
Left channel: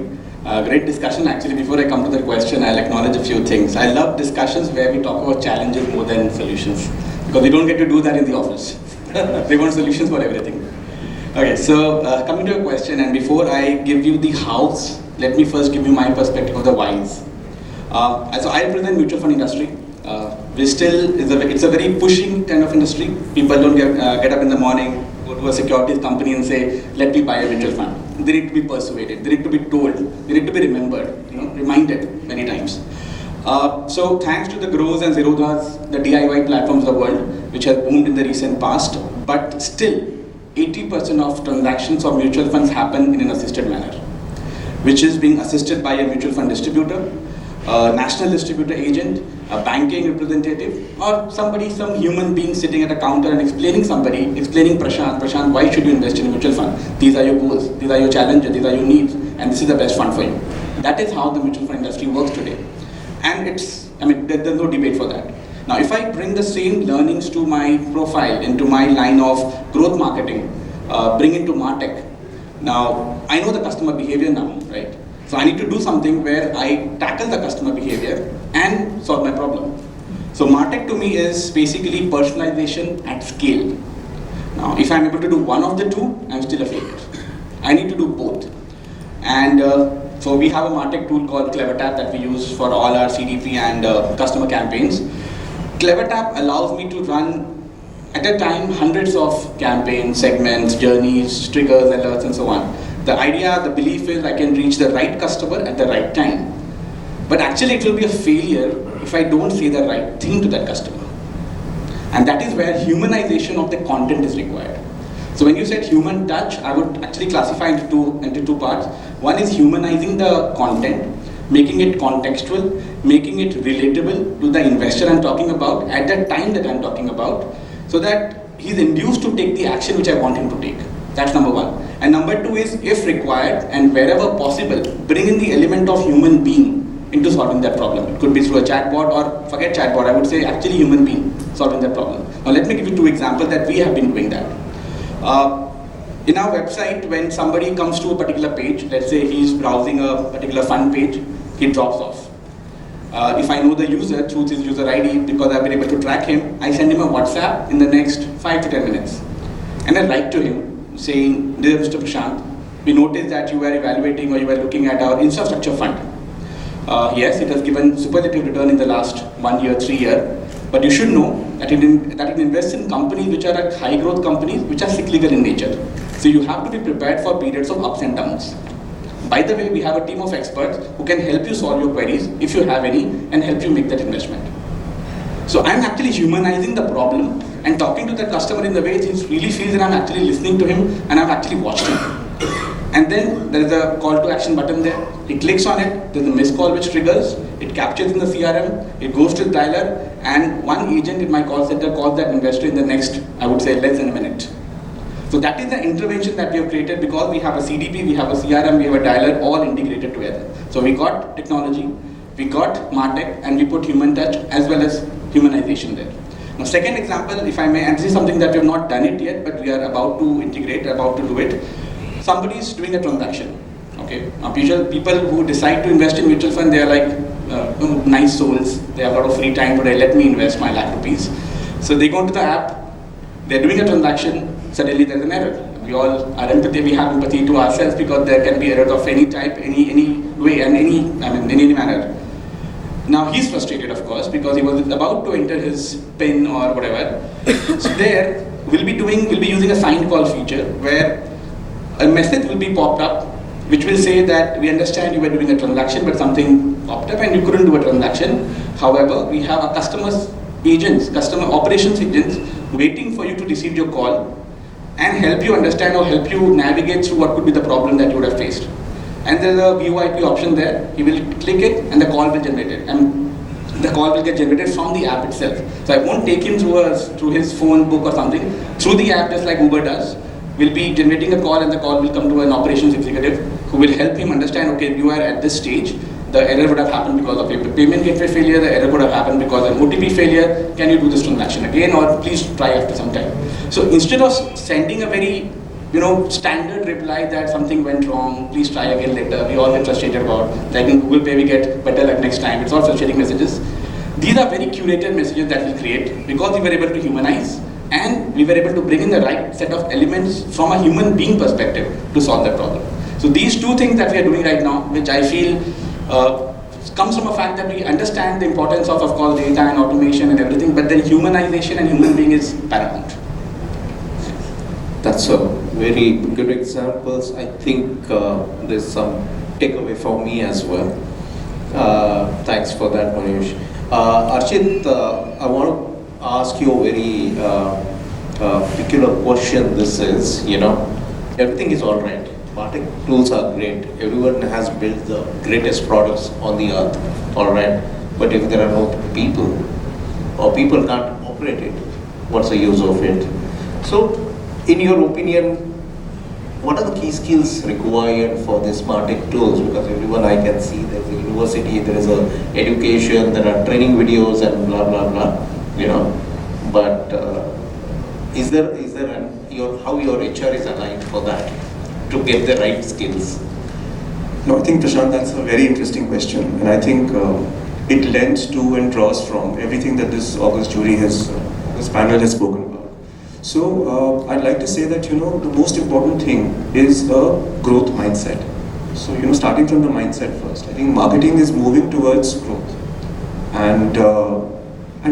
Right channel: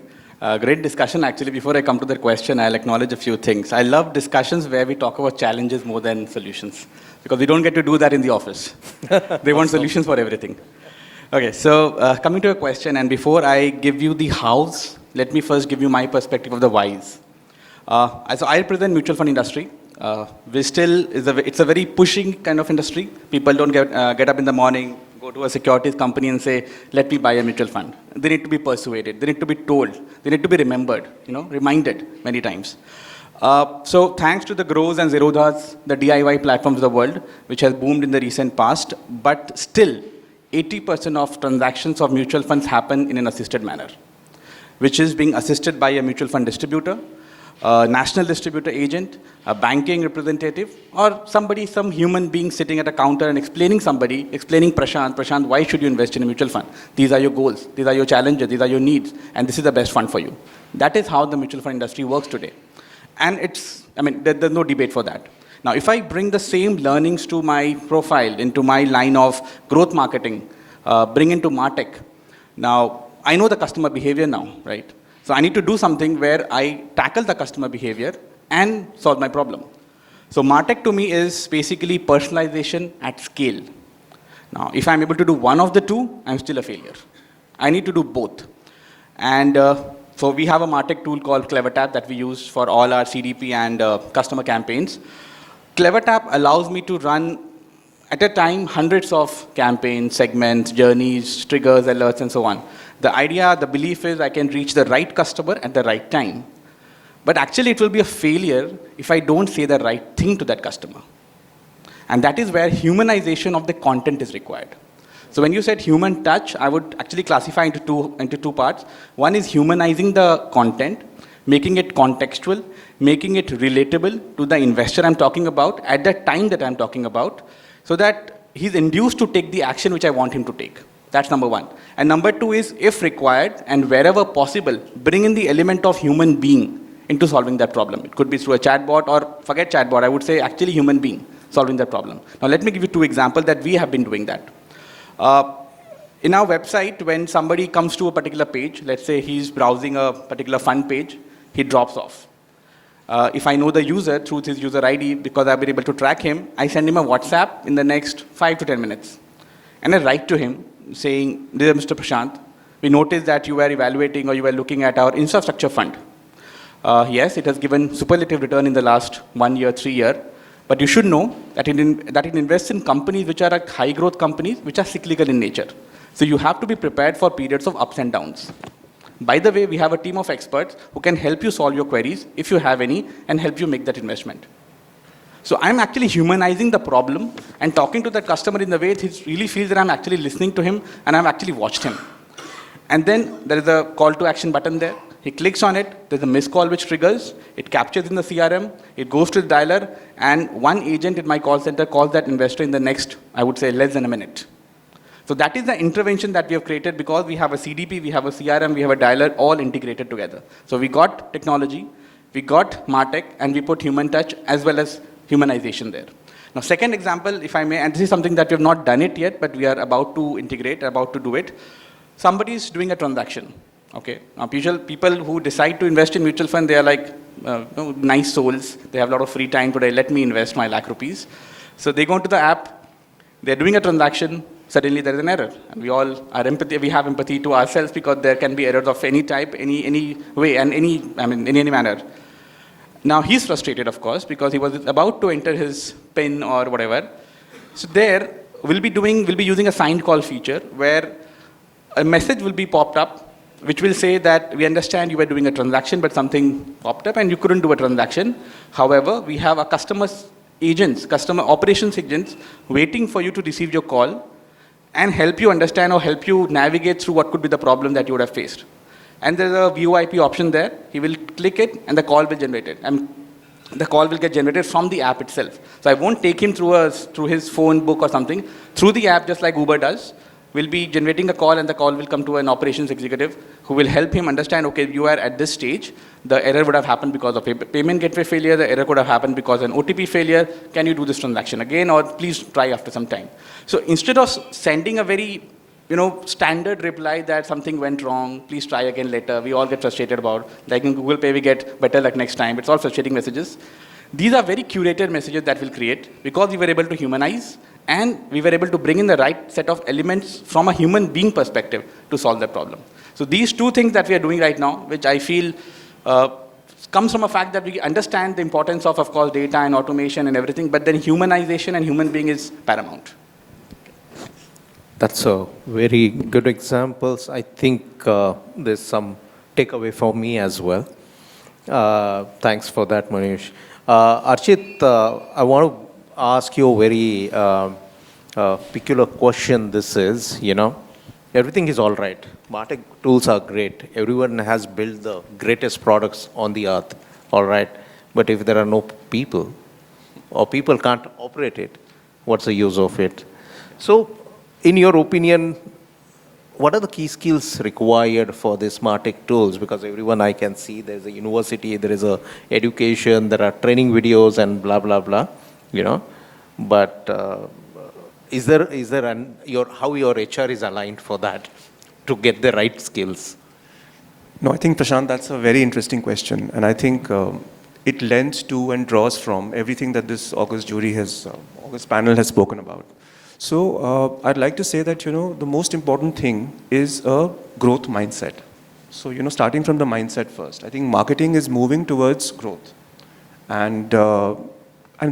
Great discussion. Actually, before I come to the question, I'll acknowledge a few things. I love discussions where we talk about challenges more than solutions, because we don't get to do that in the office. They want solutions for everything. Okay, so coming to a question, and before I give you the hows, let me first give you my perspective on the whys. So I represent mutual fund industry. It's a very pushing kind of industry. People don't get up in the morning, go to a securities company and say, let me buy a mutual fund. They need to be persuaded, they need to be told, they need to be remembered, reminded many times. So thanks to the Grows and Zerodhas, the DIY platforms of the world, which have boomed in the recent past, but still, 80% of transactions of mutual funds happen in an assisted manner, which is being assisted by a mutual fund distributor, a national distributor agent, a banking representative, or some human being sitting at a counter and explaining Prashant, why should you invest in a mutual fund? These are your goals, these are your challenges, these are your needs, and this is the best fund for you. That is how the mutual fund industry works today. And there's no debate for that. Now, if I bring the same learnings to my profile, into my line of growth marketing, bring into Martech, now I know the customer behavior now, right? So I need to do something where I tackle the customer behavior and solve my problem. So Martech to me is basically personalization at scale. Now, if I'm able to do one of the two, I'm still a failure. I need to do both. And so we have a Martech tool called CleverTap that we use for all our CDP and customer campaigns. CleverTap allows me to run at a time hundreds of campaigns, segments, journeys, triggers, alerts, and so on. The idea, the belief is I can reach the right customer at the right time. But actually it will be a failure if I don't say the right thing to that customer. And that is where humanization of the content is required. So when you said human touch, I would actually classify into two parts. One is humanizing the content, making it contextual, making it relatable to the investor I'm talking about at the time that I'm talking about, so that he's induced to take the action which I want him to take. That's number one. And number two is, if required and wherever possible, bring in the element of human being into solving that problem. It could be through a chatbot, or forget chatbot, I would say actually human being solving that problem. Now let me give you two examples that we have been doing that. In our website, when somebody comes to a particular page, let's say he's browsing a particular fund page, he drops off. If I know the user through his user ID, because I've been able to track him, I send him a WhatsApp in the next 5 to 10 minutes. And I write to him saying, "Dear Mr. Prashant, we noticed that you were evaluating or you were looking at our infrastructure fund. Yes, it has given superlative return in the last 1 year, 3 years, but you should know that it invests in companies which are like high growth companies which are cyclical in nature. So you have to be prepared for periods of ups and downs. By the way, we have a team of experts who can help you solve your queries, if you have any, and help you make that investment." So I'm actually humanizing the problem and talking to the customer in the way he really feels that I'm actually listening to him and I'm actually watching him. And then there's a call to action button there. He clicks on it, there's a missed call which triggers, it captures in the CRM, it goes to the dialer, and one agent in my call center calls that investor in the next, I would say, less than a minute. So that is the intervention that we have created, because we have a CDP, we have a CRM, we have a dialer, all integrated together. So we got technology, we got Martech, and we put human touch as well as humanization there. Now, second example, if I may, and this is something that we have not done it yet, but we are about to integrate, about to do it. Somebody is doing a transaction. Okay. Now, usually people who decide to invest in mutual fund, they are like nice souls. They have a lot of free time today. Let me invest my lakh rupees. So they go into the app. They are doing a transaction. Suddenly there is an error. We all are empathy. We have empathy to ourselves, because there can be errors of any type, any way, and in any manner. Now he's frustrated, of course, because he was about to enter his PIN or whatever. So there we'll be using a sign call feature where a message will be popped up which will say that we understand you were doing a transaction, but something popped up and you couldn't do a transaction. However, we have our customer operations agents waiting for you to receive your call and help you understand or help you navigate through what could be the problem that you would have faced. And there's a VoIP option there. You will click it and the call will generate it. And the call will get generated from the app itself. So I won't take him through his phone book or something. Through the app, just like Uber does, we'll be generating a call, and the call will come to an operations executive who will help him understand, okay, you are at this stage. The error would have happened because of a payment gateway failure. The error would have happened because of an OTP failure. Can you do this transaction again, or please try after some time? So instead of sending a very standard reply that something went wrong, please try again later, we all get frustrated about, then in Google Pay we get better luck next time, it's all frustrating messages. These are very curated messages that we create because we were able to humanize and we were able to bring in the right set of elements from a human being perspective to solve that problem. So these two things that we are doing right now, which I feel comes from a fact that we understand the importance of course, data and automation and everything, but then humanization and human being is paramount. That's a very good examples. I think there's some takeaway for me as well. Thanks for that, Mahesh. Archit, I want to ask you a very peculiar question. This is, everything is all right. Martech tools are great. Everyone has built the greatest products on the earth, all right. But if there are no people, or people can't operate it, what's the use of it? So, in your opinion, what are the key skills required for the Martech tools? Because everyone I can see there's a university, there is a education, there are training videos and blah blah blah, you know. But is there how your HR is aligned for that to get the right skills? No, I think Prashant, that's a very interesting question, and I think it lends to and draws from everything that this August jury this panel has spoken about. So I'd like to say that the most important thing is a growth mindset. So starting from the mindset first, I think marketing is moving towards growth, and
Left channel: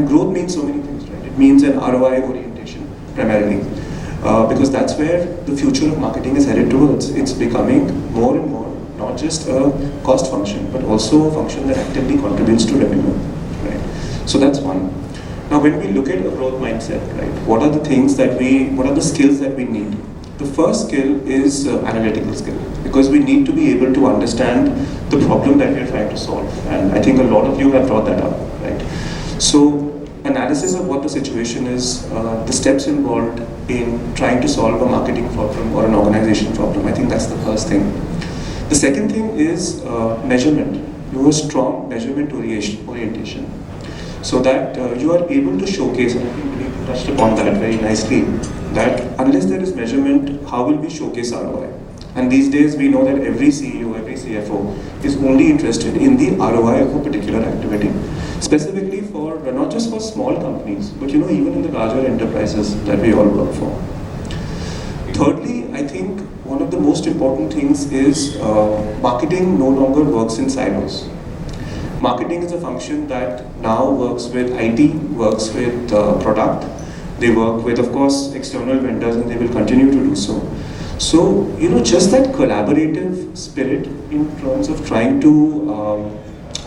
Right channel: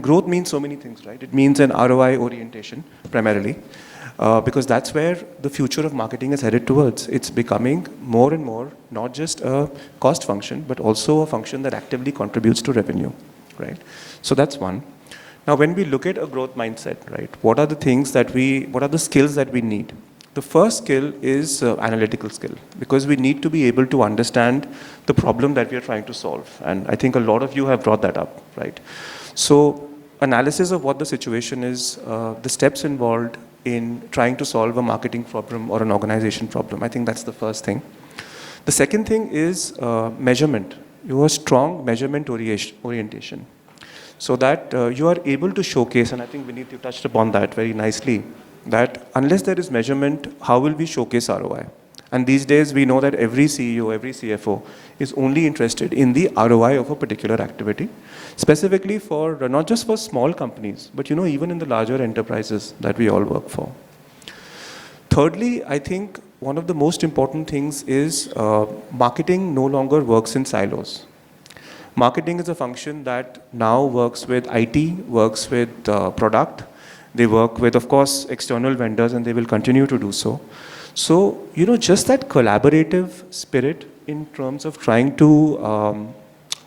growth means so many things, right? It means an ROI orientation primarily, because that's where the future of marketing is headed towards. It's becoming more and more not just a cost function, but also a function that actively contributes to revenue, right? So that's one. Now, when we look at a growth mindset, right, what are the skills that we need? The first skill is analytical skill, because we need to be able to understand the problem that we're trying to solve. And I think a lot of you have brought that up, right? So, analysis of what the situation is, the steps involved in trying to solve a marketing problem or an organization problem. I think that's the first thing. The second thing is measurement. You have a strong measurement orientation, so that you are able to showcase, and I think we touched upon that very nicely, that unless there is measurement, how will we showcase ROI? And these days we know that every CEO, every CFO is only interested in the ROI of a particular activity, specifically for not just for small companies, but even in the larger enterprises that we all work for. Thirdly, I think one of the most important things is marketing no longer works in silos. Marketing is a function that now works with IT, works with product. They work with, of course, external vendors, and they will continue to do so. So, just that collaborative spirit in terms of trying to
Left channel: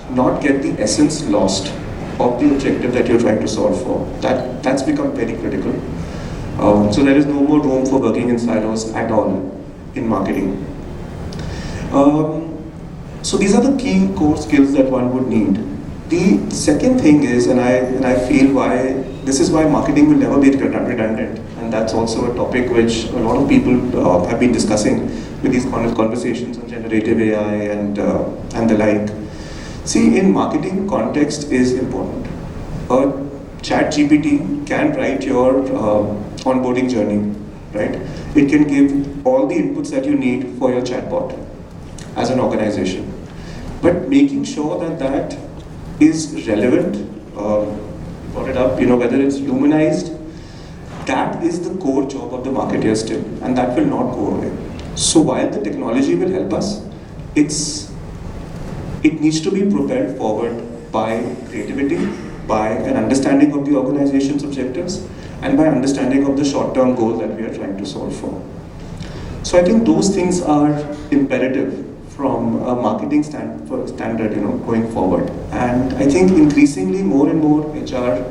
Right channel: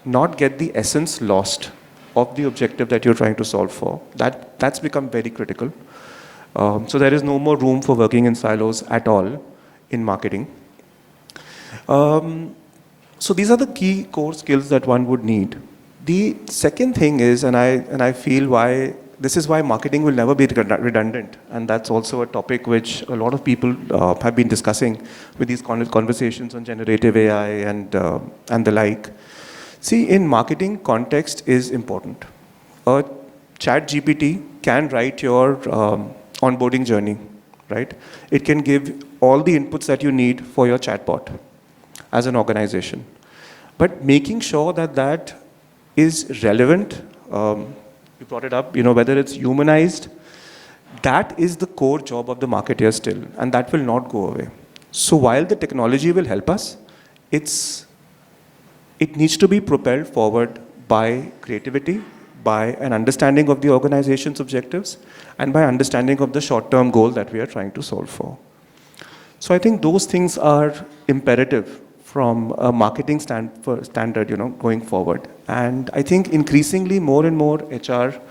not get the essence lost of the objective that you're trying to solve for. That's become very critical. So there is no more room for working in silos at all in marketing. So these are the key core skills that one would need. The second thing is, and I feel this is why marketing will never be redundant, and that's also a topic which a lot of people have been discussing with these conversations on generative AI and the like. See, in marketing, context is important. A ChatGPT can write your onboarding journey, right? It can give all the inputs that you need for your chatbot as an organization. But making sure that is relevant, brought it up, whether it's humanized, that is the core job of the marketer still, and that will not go away. So while the technology will help us, it needs to be propelled forward by creativity, by an understanding of the organization's objectives, and by understanding of the short-term goal that we are trying to solve for. So I think those things are imperative from a marketing standard, going forward. And I think increasingly more and more HR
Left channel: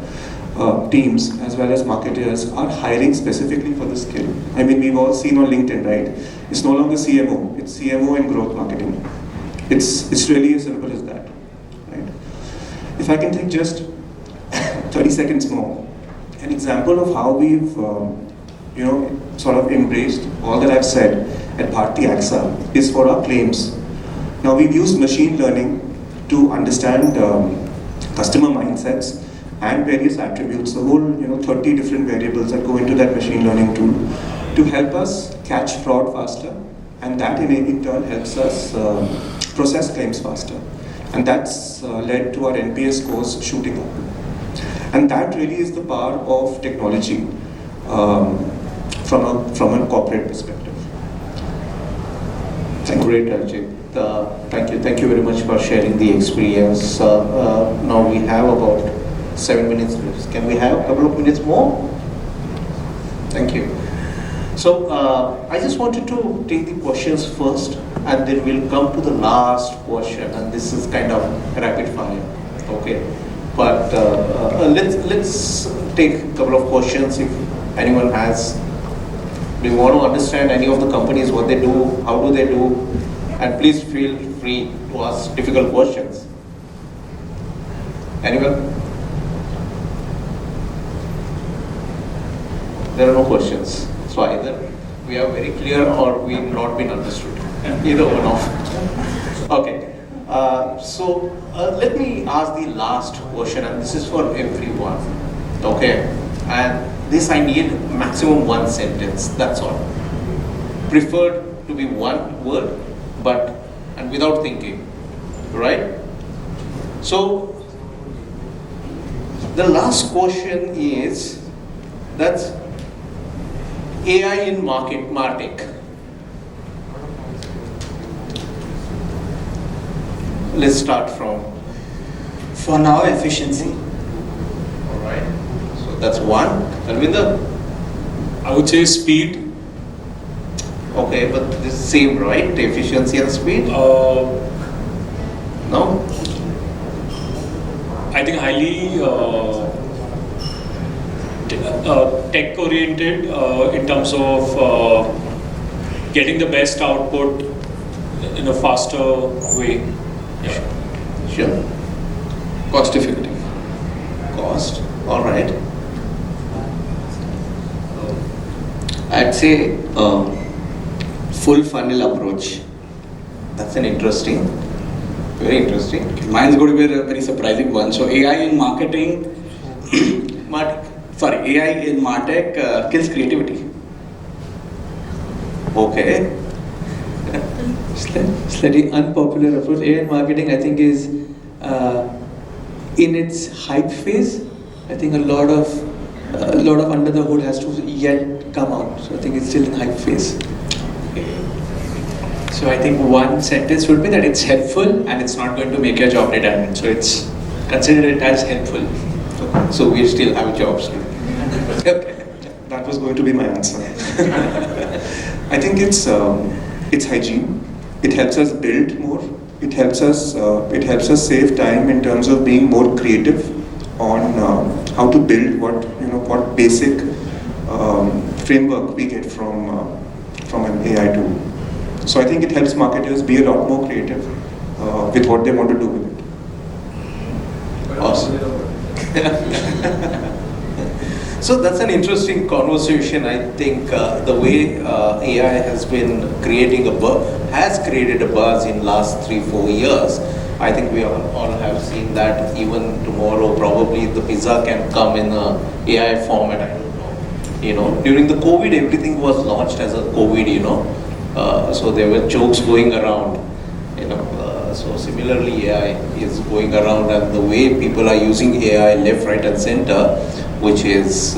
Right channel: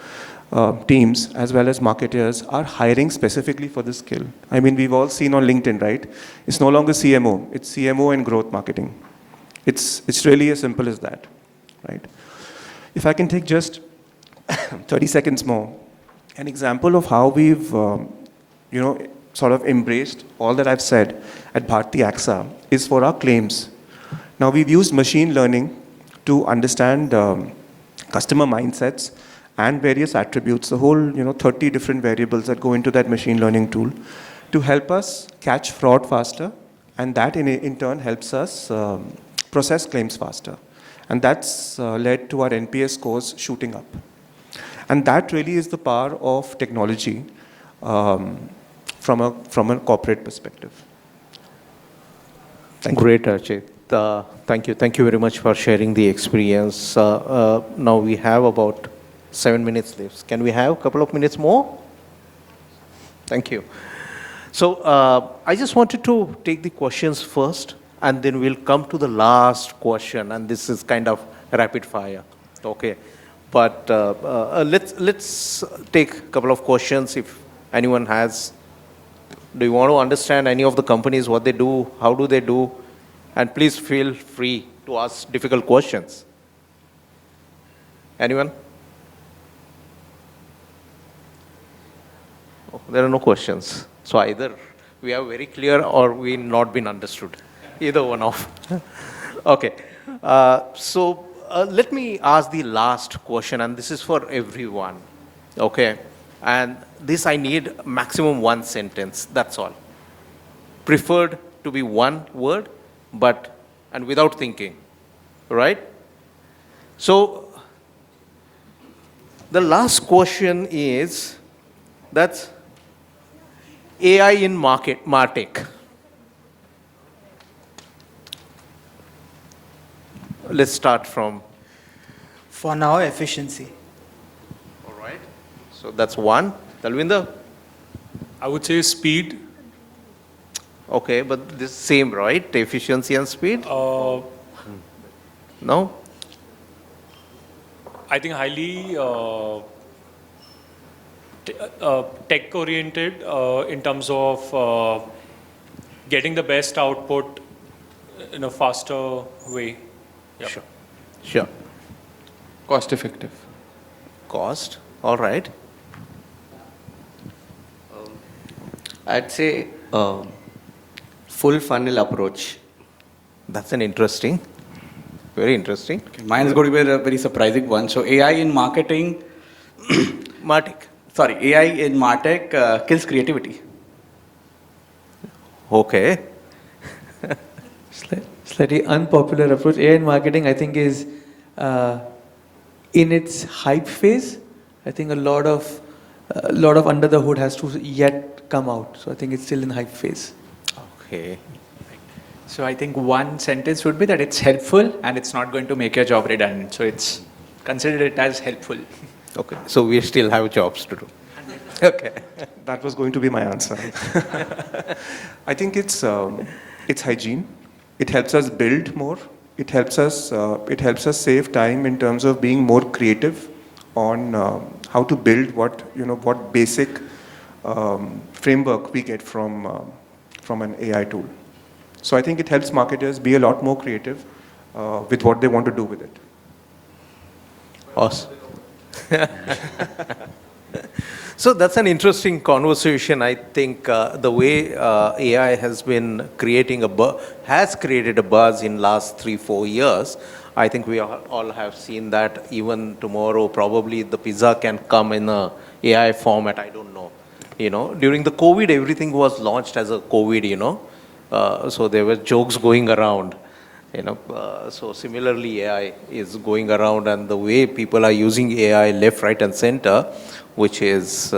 teams as well as marketers are hiring specifically for this skill. I mean, we've all seen on LinkedIn, right? It's no longer CMO, it's CMO and growth marketing. It's really as simple as that, right? If I can take just 30 seconds more, an example of how we've, sort of embraced all that I've said at Bharti AXA is for our claims. Now we've used machine learning to understand customer mindsets and various attributes, the whole 30 different variables that go into that machine learning tool to help us catch fraud faster, and that in turn helps us process claims faster. And that's led to our NPS scores shooting up. And that really is the power of technology from a corporate perspective. Great, Archit. Thank you very much for sharing the experience. Now we have about 7 minutes. Can we have a couple of minutes more? Thank you. So I just wanted to take the questions first, and then we'll come to the last question, and this is kind of rapid fire. Okay. But let's take a couple of questions if anyone has. Do you want to understand any of the companies, what they do, how do they do? And please feel free to ask difficult questions. Anyone? There are no questions. So either We are very clear or we've not been understood. Either one of. Okay. So let me ask the last question, and this is for everyone. Okay. And this I need maximum one sentence. That's all. Preferred to be one word, but and without thinking. Right? So the last question is that's AI in Martech. Let's start from. For now, efficiency. All right. So that's one. Alvida? I would say speed. Okay, but this is same, right? Efficiency and speed? No? I think highly tech oriented in terms of getting the best output in a faster way. Sure. Cost effective. Cost. All right. I'd say full funnel approach. That's an interesting, very interesting. Mine is going to be a very surprising one. So AI in marketing, Martech. AI in Martech kills creativity. Okay. Slightly unpopular approach. AI in marketing, I think, is in its hype phase. I think a lot of under the hood has to yet come out. So I think it's still in hype phase. So I think one sentence would be that it's helpful and it's not going to make your job redundant. So it's consider it as helpful. Okay. So we still have jobs to do. Okay. That was going to be my answer. I think it's hygiene. It helps us build more. It helps us save time in terms of being more creative on how to build what basic framework we get from an AI tool. So I think it helps marketers be a lot more creative with what they want to do with it. Awesome. So that's an interesting conversation. I think the way AI has been creating has created a buzz in last 3-4 years. I think we all have seen that. Even tomorrow, probably the pizza can come in a AI format. I don't know. During the COVID, everything was launched as a COVID. So there were jokes going around. So similarly, AI is going around, and the way people are using AI left, right, and center, which is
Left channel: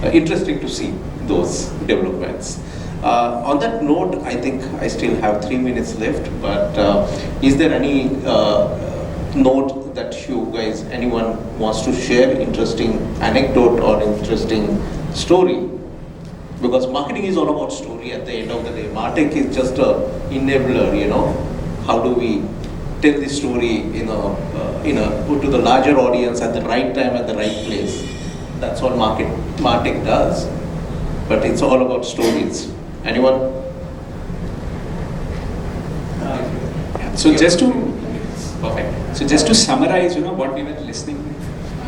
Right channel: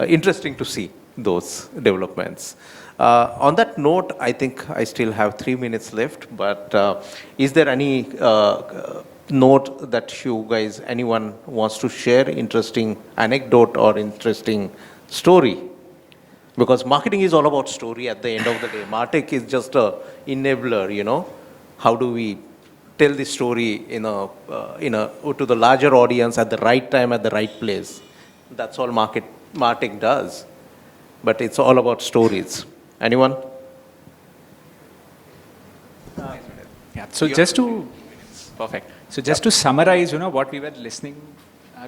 interesting to see those developments. On that note, I think I still have 3 minutes left, but is there any note that anyone wants to share, interesting anecdote or interesting story? Because marketing is all about story at the end of the day. Martech is just a enabler, How do we tell the story put to the larger audience at the right time at the right place? That's all Martech does. But it's all about stories. Anyone? So just to summarize, what we were listening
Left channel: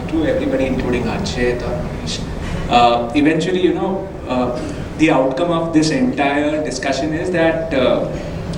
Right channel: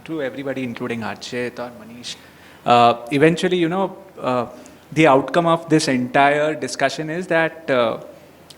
to everybody, including Archit or Manish, eventually, the outcome of this entire discussion is that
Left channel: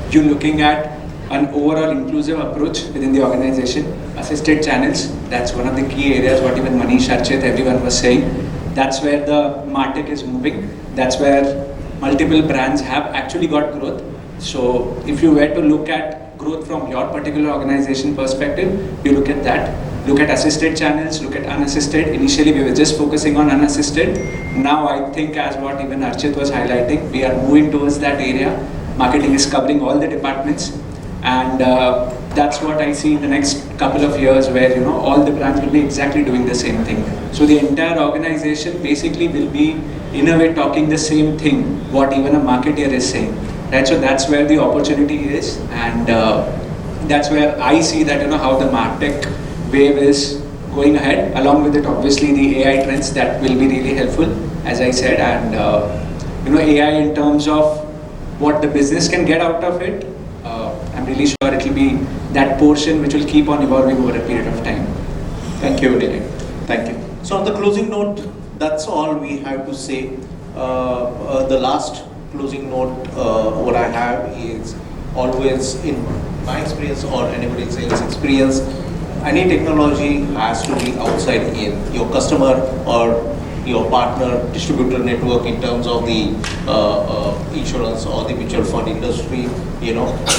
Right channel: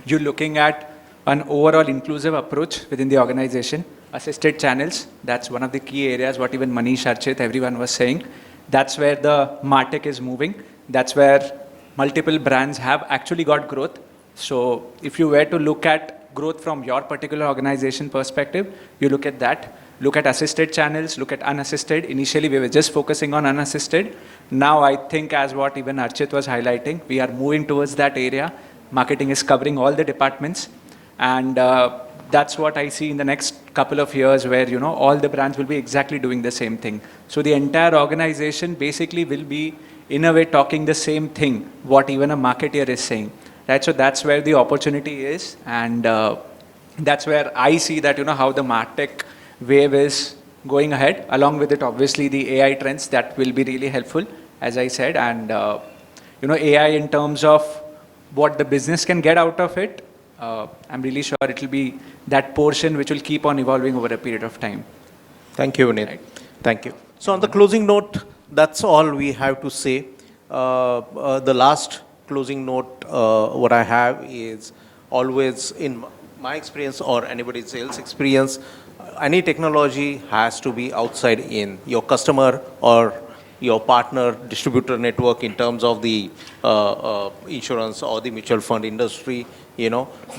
you're looking at an overall inclusive approach within the organization, assisted channels. That's one of the key areas. What even Manish, Archit, everyone was saying. That's where the Martech is moving. That's where multiple brands have actually got growth. So if you were to look at growth from your particular organization perspective, you look at that. Look at assisted channels, look at unassisted. Initially, we were just focusing on unassisted. Now, I think as what even Archit was highlighting, we are moving towards that area. Marketing is covering all the departments. And that's what I see in the next couple of years where, all the brands will be exactly doing the same thing. So the entire organization basically will be, in a way, talking the same thing, what even a marketer is saying. Right? So that's where the opportunity is. And that's where I see that, how the Martech wave is going ahead. Along with it, obviously, the AI trends that will be really helpful, as I said. And, AI in terms of what the business can get out of it, I'm really sure it will be that portion which will keep on evolving over a period of time. Thank you, Nitin. Thank you. So on the closing note, that's all we have to say. the last closing note, what I have is always in my experience or anybody else's experience, any technology has to be outside in. Your customer or your partner distributor network in terms of the insurance or the mutual fund industry,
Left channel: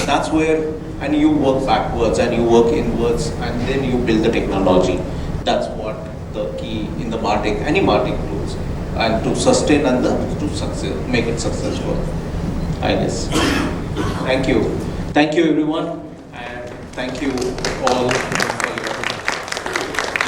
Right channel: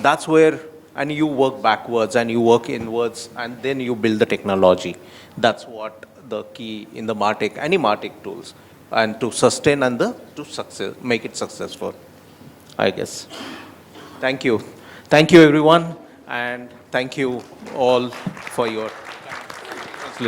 that's where, and you work backwards and you work inwards and then you build the technology. That's what the key in the Martech, any Martech tools, and to sustain and to success, make it successful, I guess. Thank you. Thank you everyone, and thank you all for your